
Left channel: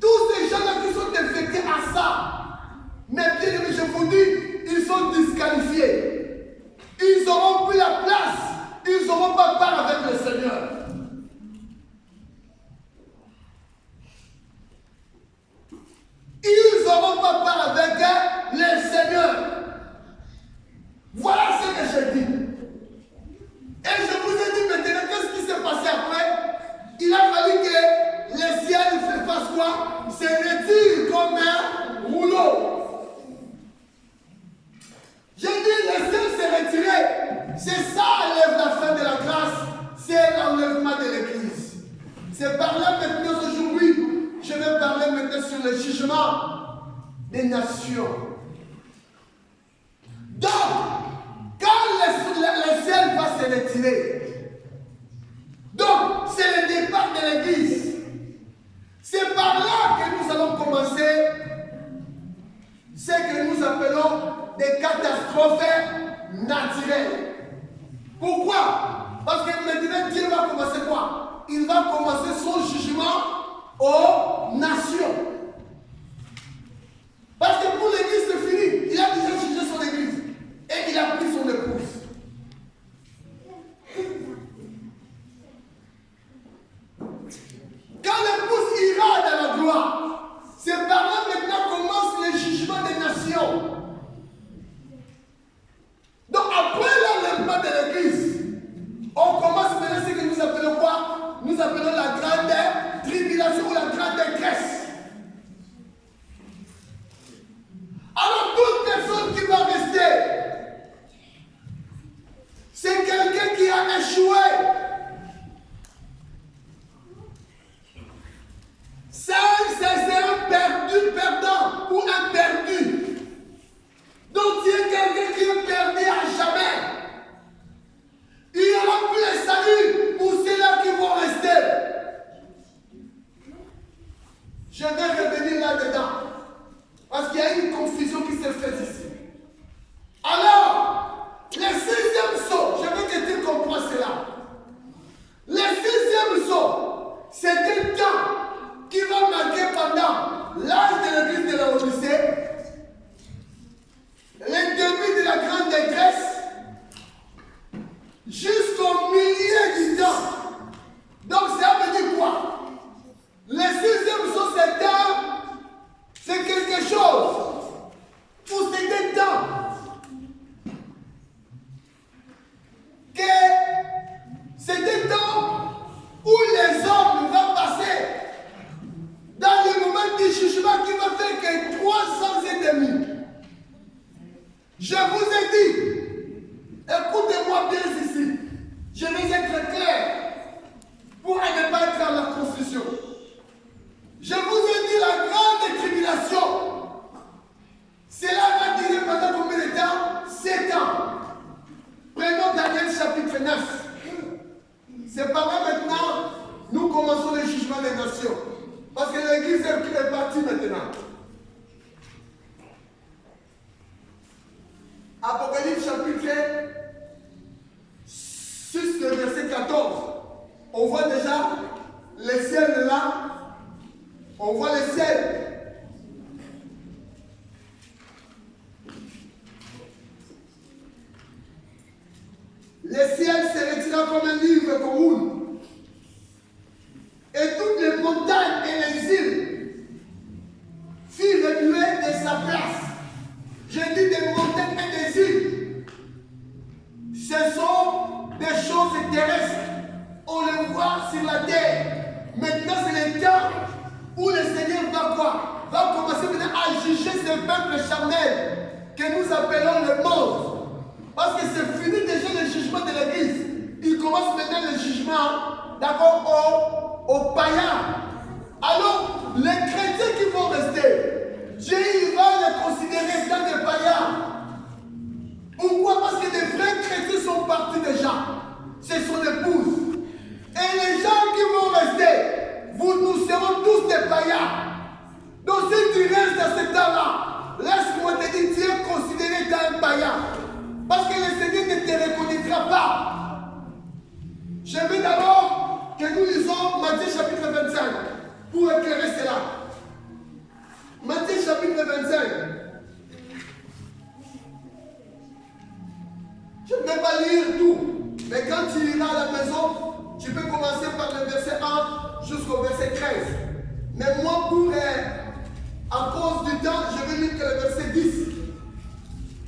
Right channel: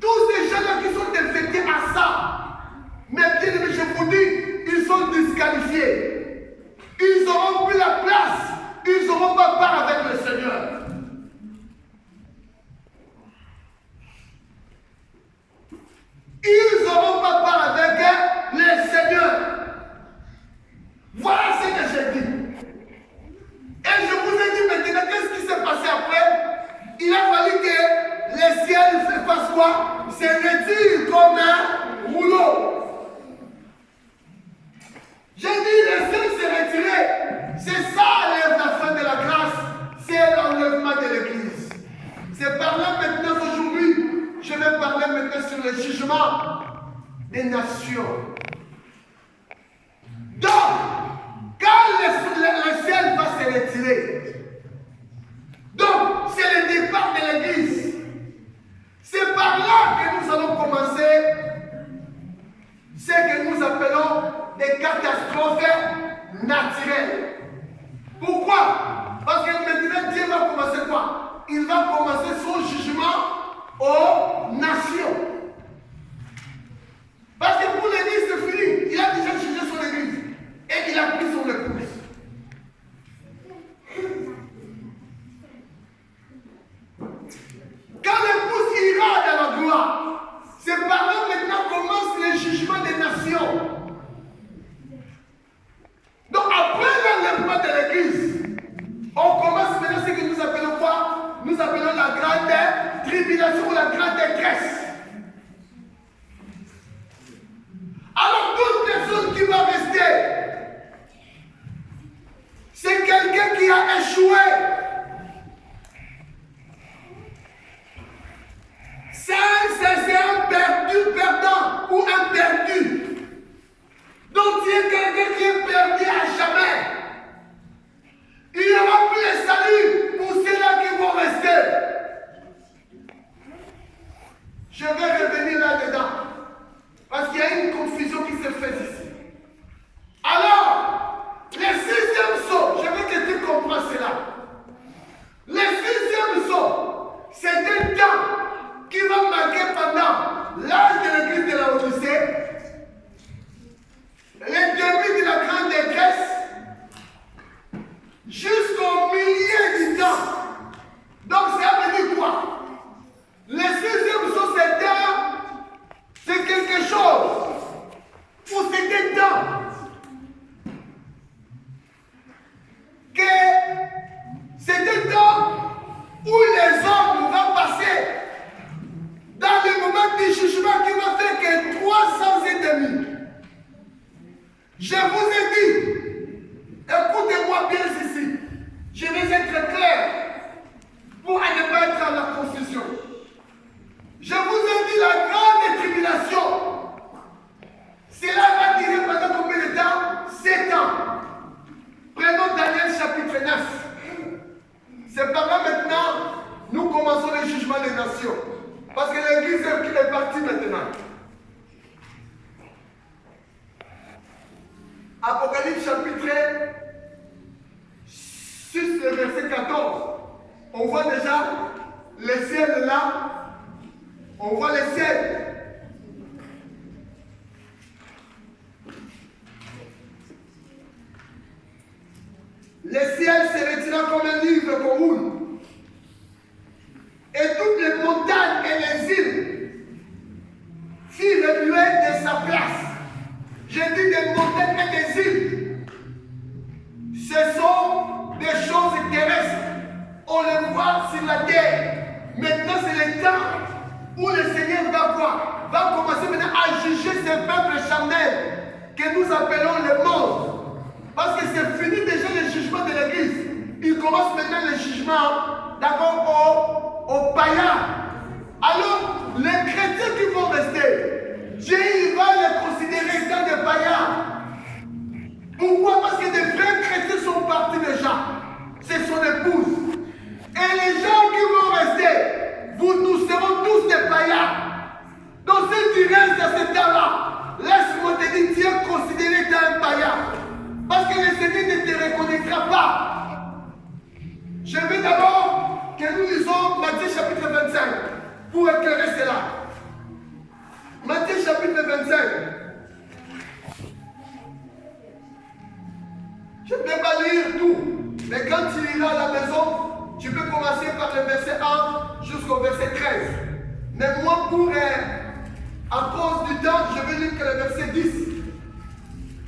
tous ces gens-là qui sont infectés à ça, mais bien aimés, je vous dis, ils sont disqualifiés. Ils n'auront plus la place. Ils n'auront pas part avec le Seigneur. Ils n'auront pas part avec le Seigneur. Voilà ce que j'ai dit. Et je vous ai dit maintenant, qu'est-ce qui s'est passé après? Il a fallu que le ciel fasse quoi? Se retire comme un rouleau. J'ai dit, le ciel s'est retiré. C'est ça la fin de la grâce. C'est l'enlèvement de l'Église. C'est par là maintenant aujourd'hui. Je vais parler maintenant sur le jugement des nations. Donc, quand le ciel va se retirer, donc c'est le départ de l'Église. C'est par là que nous allons commencer ce que nous appelons des catastrophes naturelles. Pourquoi? Parce que maintenant Dieu va commencer quoi? Il va commencer son jugement aux nations. Parce que pour l'Église c'est fini. Il a déjà jugé son Église. Et il a pris son épouse. Quand l'épouse ira dans la gloire, c'est par là maintenant commence le jugement des nations. Donc après l'enlèvement de l'Église, on commence maintenant ce que nous appelons quoi? Nous appelons la grande tribulation ou la grande détresse. Alors toute personne qui va rester, c'est quelqu'un qui a échoué. C'est un perdant ou un perdu. Donc tu es quelqu'un qui est perdu à jamais. Il n'y aura plus de salut pour ceux-là qui vont rester. Je vais revenir là-dedans. Parce qu'il y a une confusion qui se fait ici. Alors, le sixième saut, je veux que tu comprennes cela. Le sixième saut, c'est un temps qui va marquer pendant l'âge de l'église de la Odyssée, le début de la grande détresse, jusqu'au milieu du temps. Donc ça veut dire quoi? Le sixième saut, c'est quelque chose où c'est un temps que c'est un temps où les hommes vont passer dans le moment du jugement qui va faire que 300 et demi. Je vous ai dit, écoutez-moi bien ici, je vais être clair pour ne pas être dans la confusion. Je vous ai dit la grande tribulation. Cela va durer pendant combien de temps? 7 ans. Prenons Daniel chapitre 9. C'est par là maintenant, nous commençons le jugement des nations. Parce que l'église est partie maintenant. Apocalypse chapitre 6, le verset 14. On voit déjà le ciel là. On voit le ciel. Le ciel se retira comme un livre qu'on roule. Et toutes les montagnes et les îles furent remuées de sa place. Je dis des montagnes et des îles. Ce sont des choses terrestres. On les voit sur la terre. Maintenant, c'est le temps où le Seigneur va quoi? Va commencer maintenant à juger ce peuple charnel que nous appelons le monde. Parce que c'est fini déjà le jugement de l'Église. Il commence maintenant le jugement jugement, d'accord, aux païens. Alors, les chrétiens qui vont rester, Dieu il va les considérer comme des païens. Pourquoi? Parce que des vrais chrétiens sont partis déjà. C'est son épouse. Et les gens qui vont rester, nous serons tous des païens. Donc si tu restes dans ce temps-là, laisse-moi te dire, Dieu considéré comme un païen. Parce que le Seigneur ne te reconnaîtra pas. Je veux d'abord que nous lisons Matthieu chapitre 25 pour éclairer cela. Matthieu chapitre 25. Je ne vais pas lire tout, mais quand tu iras à la maison, tu peux commencer par le verset 1 jusqu'au verset 13. Mais moi, à cause du temps, je vais lire que le verset 10.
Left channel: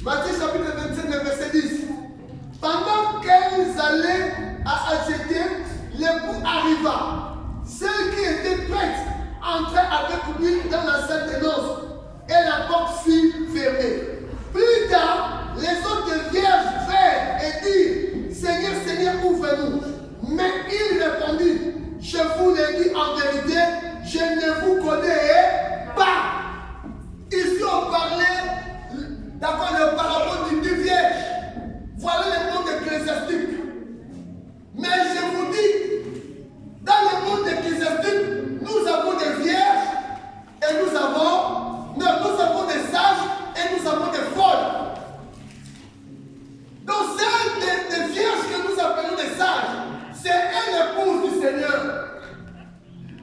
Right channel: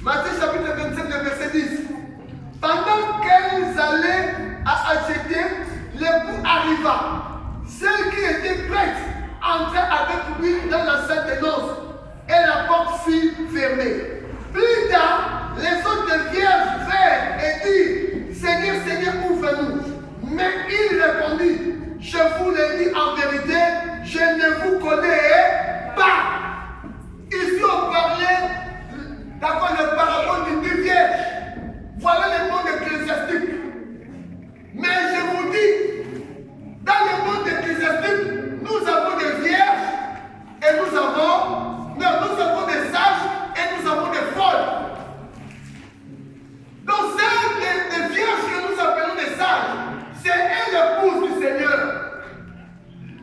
Matthieu chapitre 25, le verset 10. Pendant qu'elles allaient à acheter, l'époux arriva. Celle qui était prête entrait avec lui dans la salle des noces et la porte fut fermée. Plus tard, les autres vierges vinrent et dirent, Seigneur, Seigneur, ouvre-nous. Mais il répondit, je vous le dis en vérité, je ne vous connais pas. Ici, on parlait, d'accord, le parabole d'une vierge. Voilà le monde ecclésiastique. Mais je vous dis, dans le monde ecclésiastique, nous avons des vierges et nous avons des sages et nous avons des folles. Donc, c'est des vierges que nous appelons des sages. C'est elle l'épouse du Seigneur.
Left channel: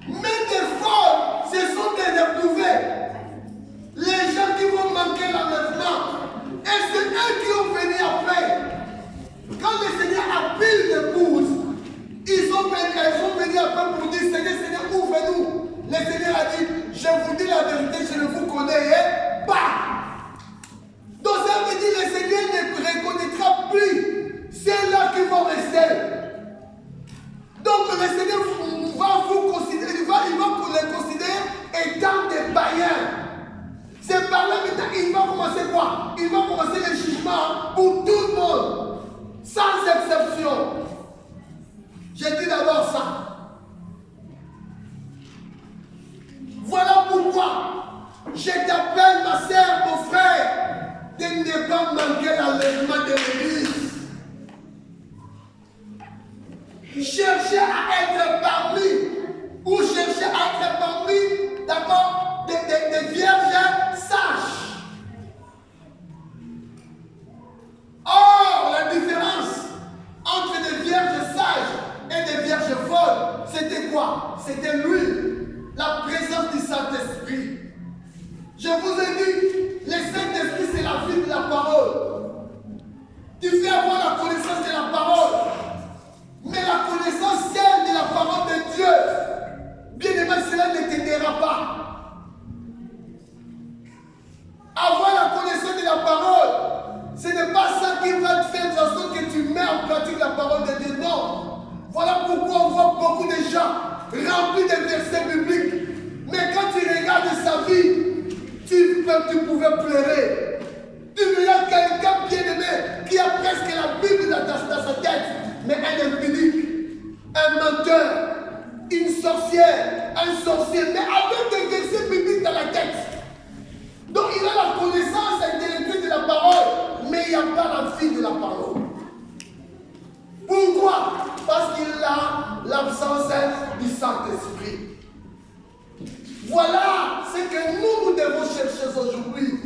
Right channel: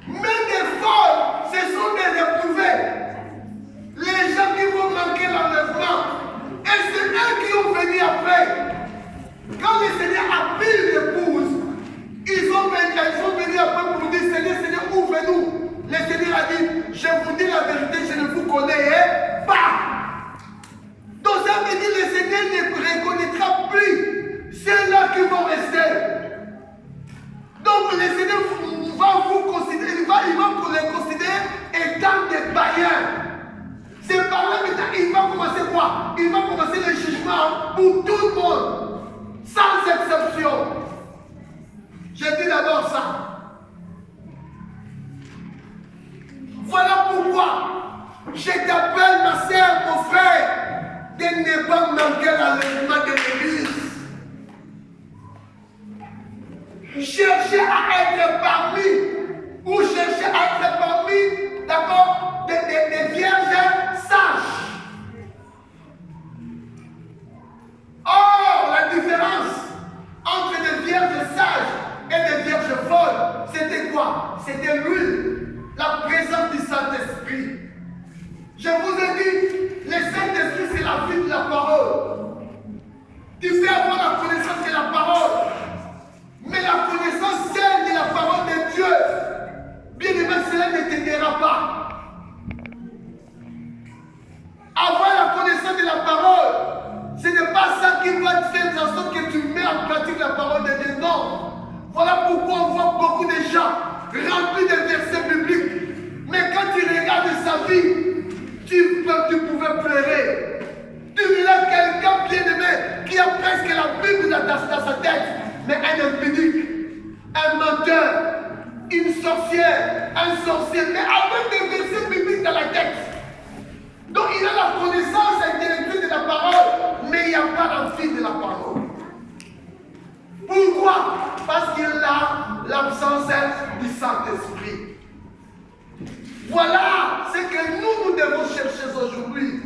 Mais des folles, ce sont des éprouvés. Les gens qui vont manquer l'enlèvement. Et c'est eux qui ont venu après. Quand le Seigneur a pris l'épouse, ils ont venu après pour dire, Seigneur, Seigneur, ouvre-nous. Le Seigneur a dit, je vous dis la vérité, je ne vous connais pas. Donc ça veut dire que le Seigneur ne reconnaîtra plus ceux-là qui vont rester. Donc le Seigneur va vous considérer, il va les considérer étant des païens. C'est par là maintenant, il va commencer quoi? Il va commencer le jugement pour tout le monde, sans exception. Je dis d'abord ça. Voilà pourquoi je t'appelle, ma sœur, mon frère, de ne pas manquer l'enlèvement de l'Église. Cherchez à être parmi, ou cherchez à être parmi, d'accord, des vierges sages. Or, la différence entre des vierges sages et des vierges folles, c'était quoi? C'était l'huile, la présence du Saint-Esprit. Je vous ai dit, le Saint-Esprit, c'est la vie de la parole. Tu fais avoir la connaissance de la parole. Mais la connaissance celle de la parole de Dieu, bien aimé, cela ne t'aidera pas. Avoir la connaissance de la parole, ce n'est pas ça qui va te faire en sorte que tu mets en pratique la parole de Dieu. Non. Voilà pourquoi on voit beaucoup de gens remplis de versets bibliques. Mais quand tu regardes sa vie, tu pouvais pleurer. Tu verras quelqu'un bien aimé qui a presque la Bible dans sa tête. Mais un impudique, un menteur, une sorcière, un sorcier, mais avec des versets bibliques dans la tête. Donc il a la connaissance intellectuelle de la parole, mais il n'y a pas la vie de la parole. Pourquoi? Parce qu'il a l'absence du Saint-Esprit. Voilà ce que nous devons chercher aujourd'hui.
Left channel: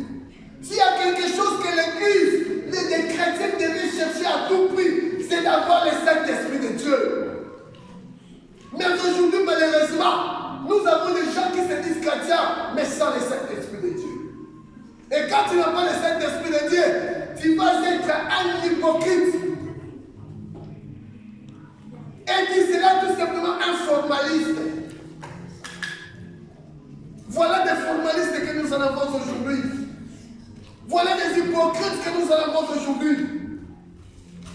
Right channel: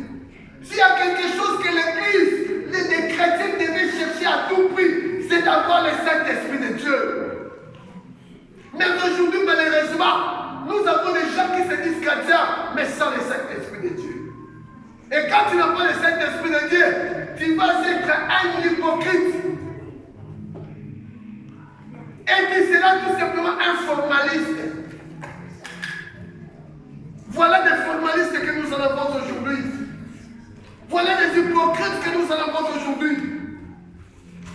S'il y a quelque chose que l'Église, les chrétiens devaient chercher à tout prix, c'est d'avoir le Saint-Esprit de Dieu. Mais aujourd'hui, malheureusement, nous avons des gens qui se disent chrétiens, mais sans le Saint-Esprit de Dieu. Et quand tu n'as pas le Saint-Esprit de Dieu, tu vas être un hypocrite. Et tu seras tout simplement un formaliste. Voilà des formalistes que nous en avons aujourd'hui. Voilà des hypocrites que nous en avons aujourd'hui.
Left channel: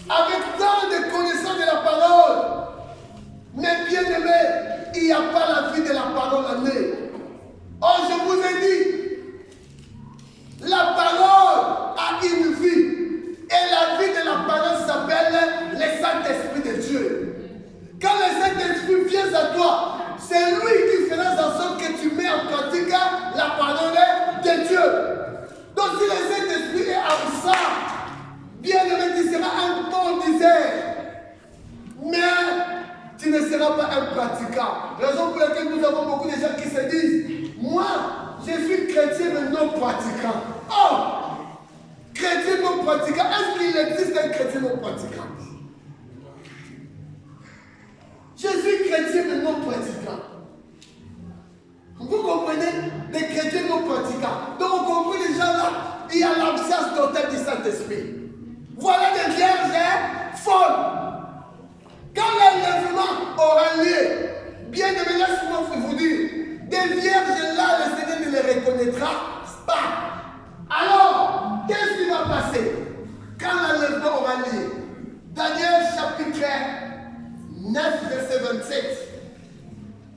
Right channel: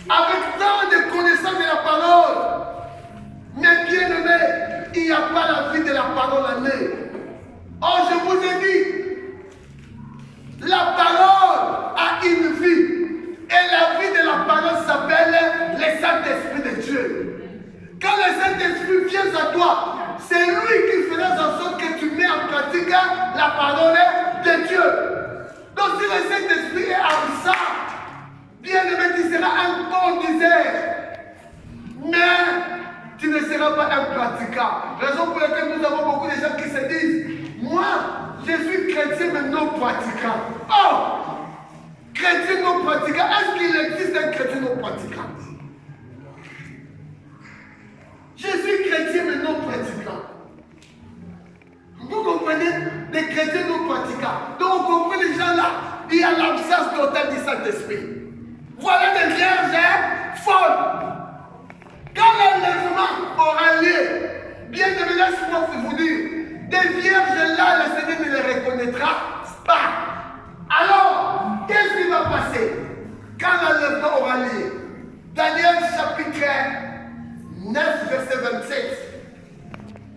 Avec tant de connaissances de la parole. Mais bien aimé, il n'y a pas la vie de la parole en eux. Or, je vous ai dit, la parole a une vie. Et la vie de la parole s'appelle le Saint-Esprit de Dieu. Quand tiens à toi. C'est lui qui fera en sorte que tu mets en pratique la parole de Dieu. Donc si le Saint-Esprit est en ça, bien aimé, tu seras un bon diseur. Mais tu ne seras pas un pratiquant. Raison pour laquelle nous avons beaucoup de gens qui se disent, moi, je suis chrétien mais non pratiquant. Oh! Chrétien non pratiquant, est-ce qu'il existe un chrétien non pratiquant? Je suis chrétien mais non pratiquant. Vous comprenez? Des chrétiens non pratiquants. Donc on comprend les gens là, il y a l'absence totale du Saint-Esprit. Voilà des vierges folles. Quand l'enlèvement aura lieu, bien aimé, laisse-moi vous dire, des vierges là, le Seigneur ne les reconnaîtra pas. Alors, qu'est-ce qui va passer quand l'enlèvement aura lieu? Daniel chapitre 9, verset 27.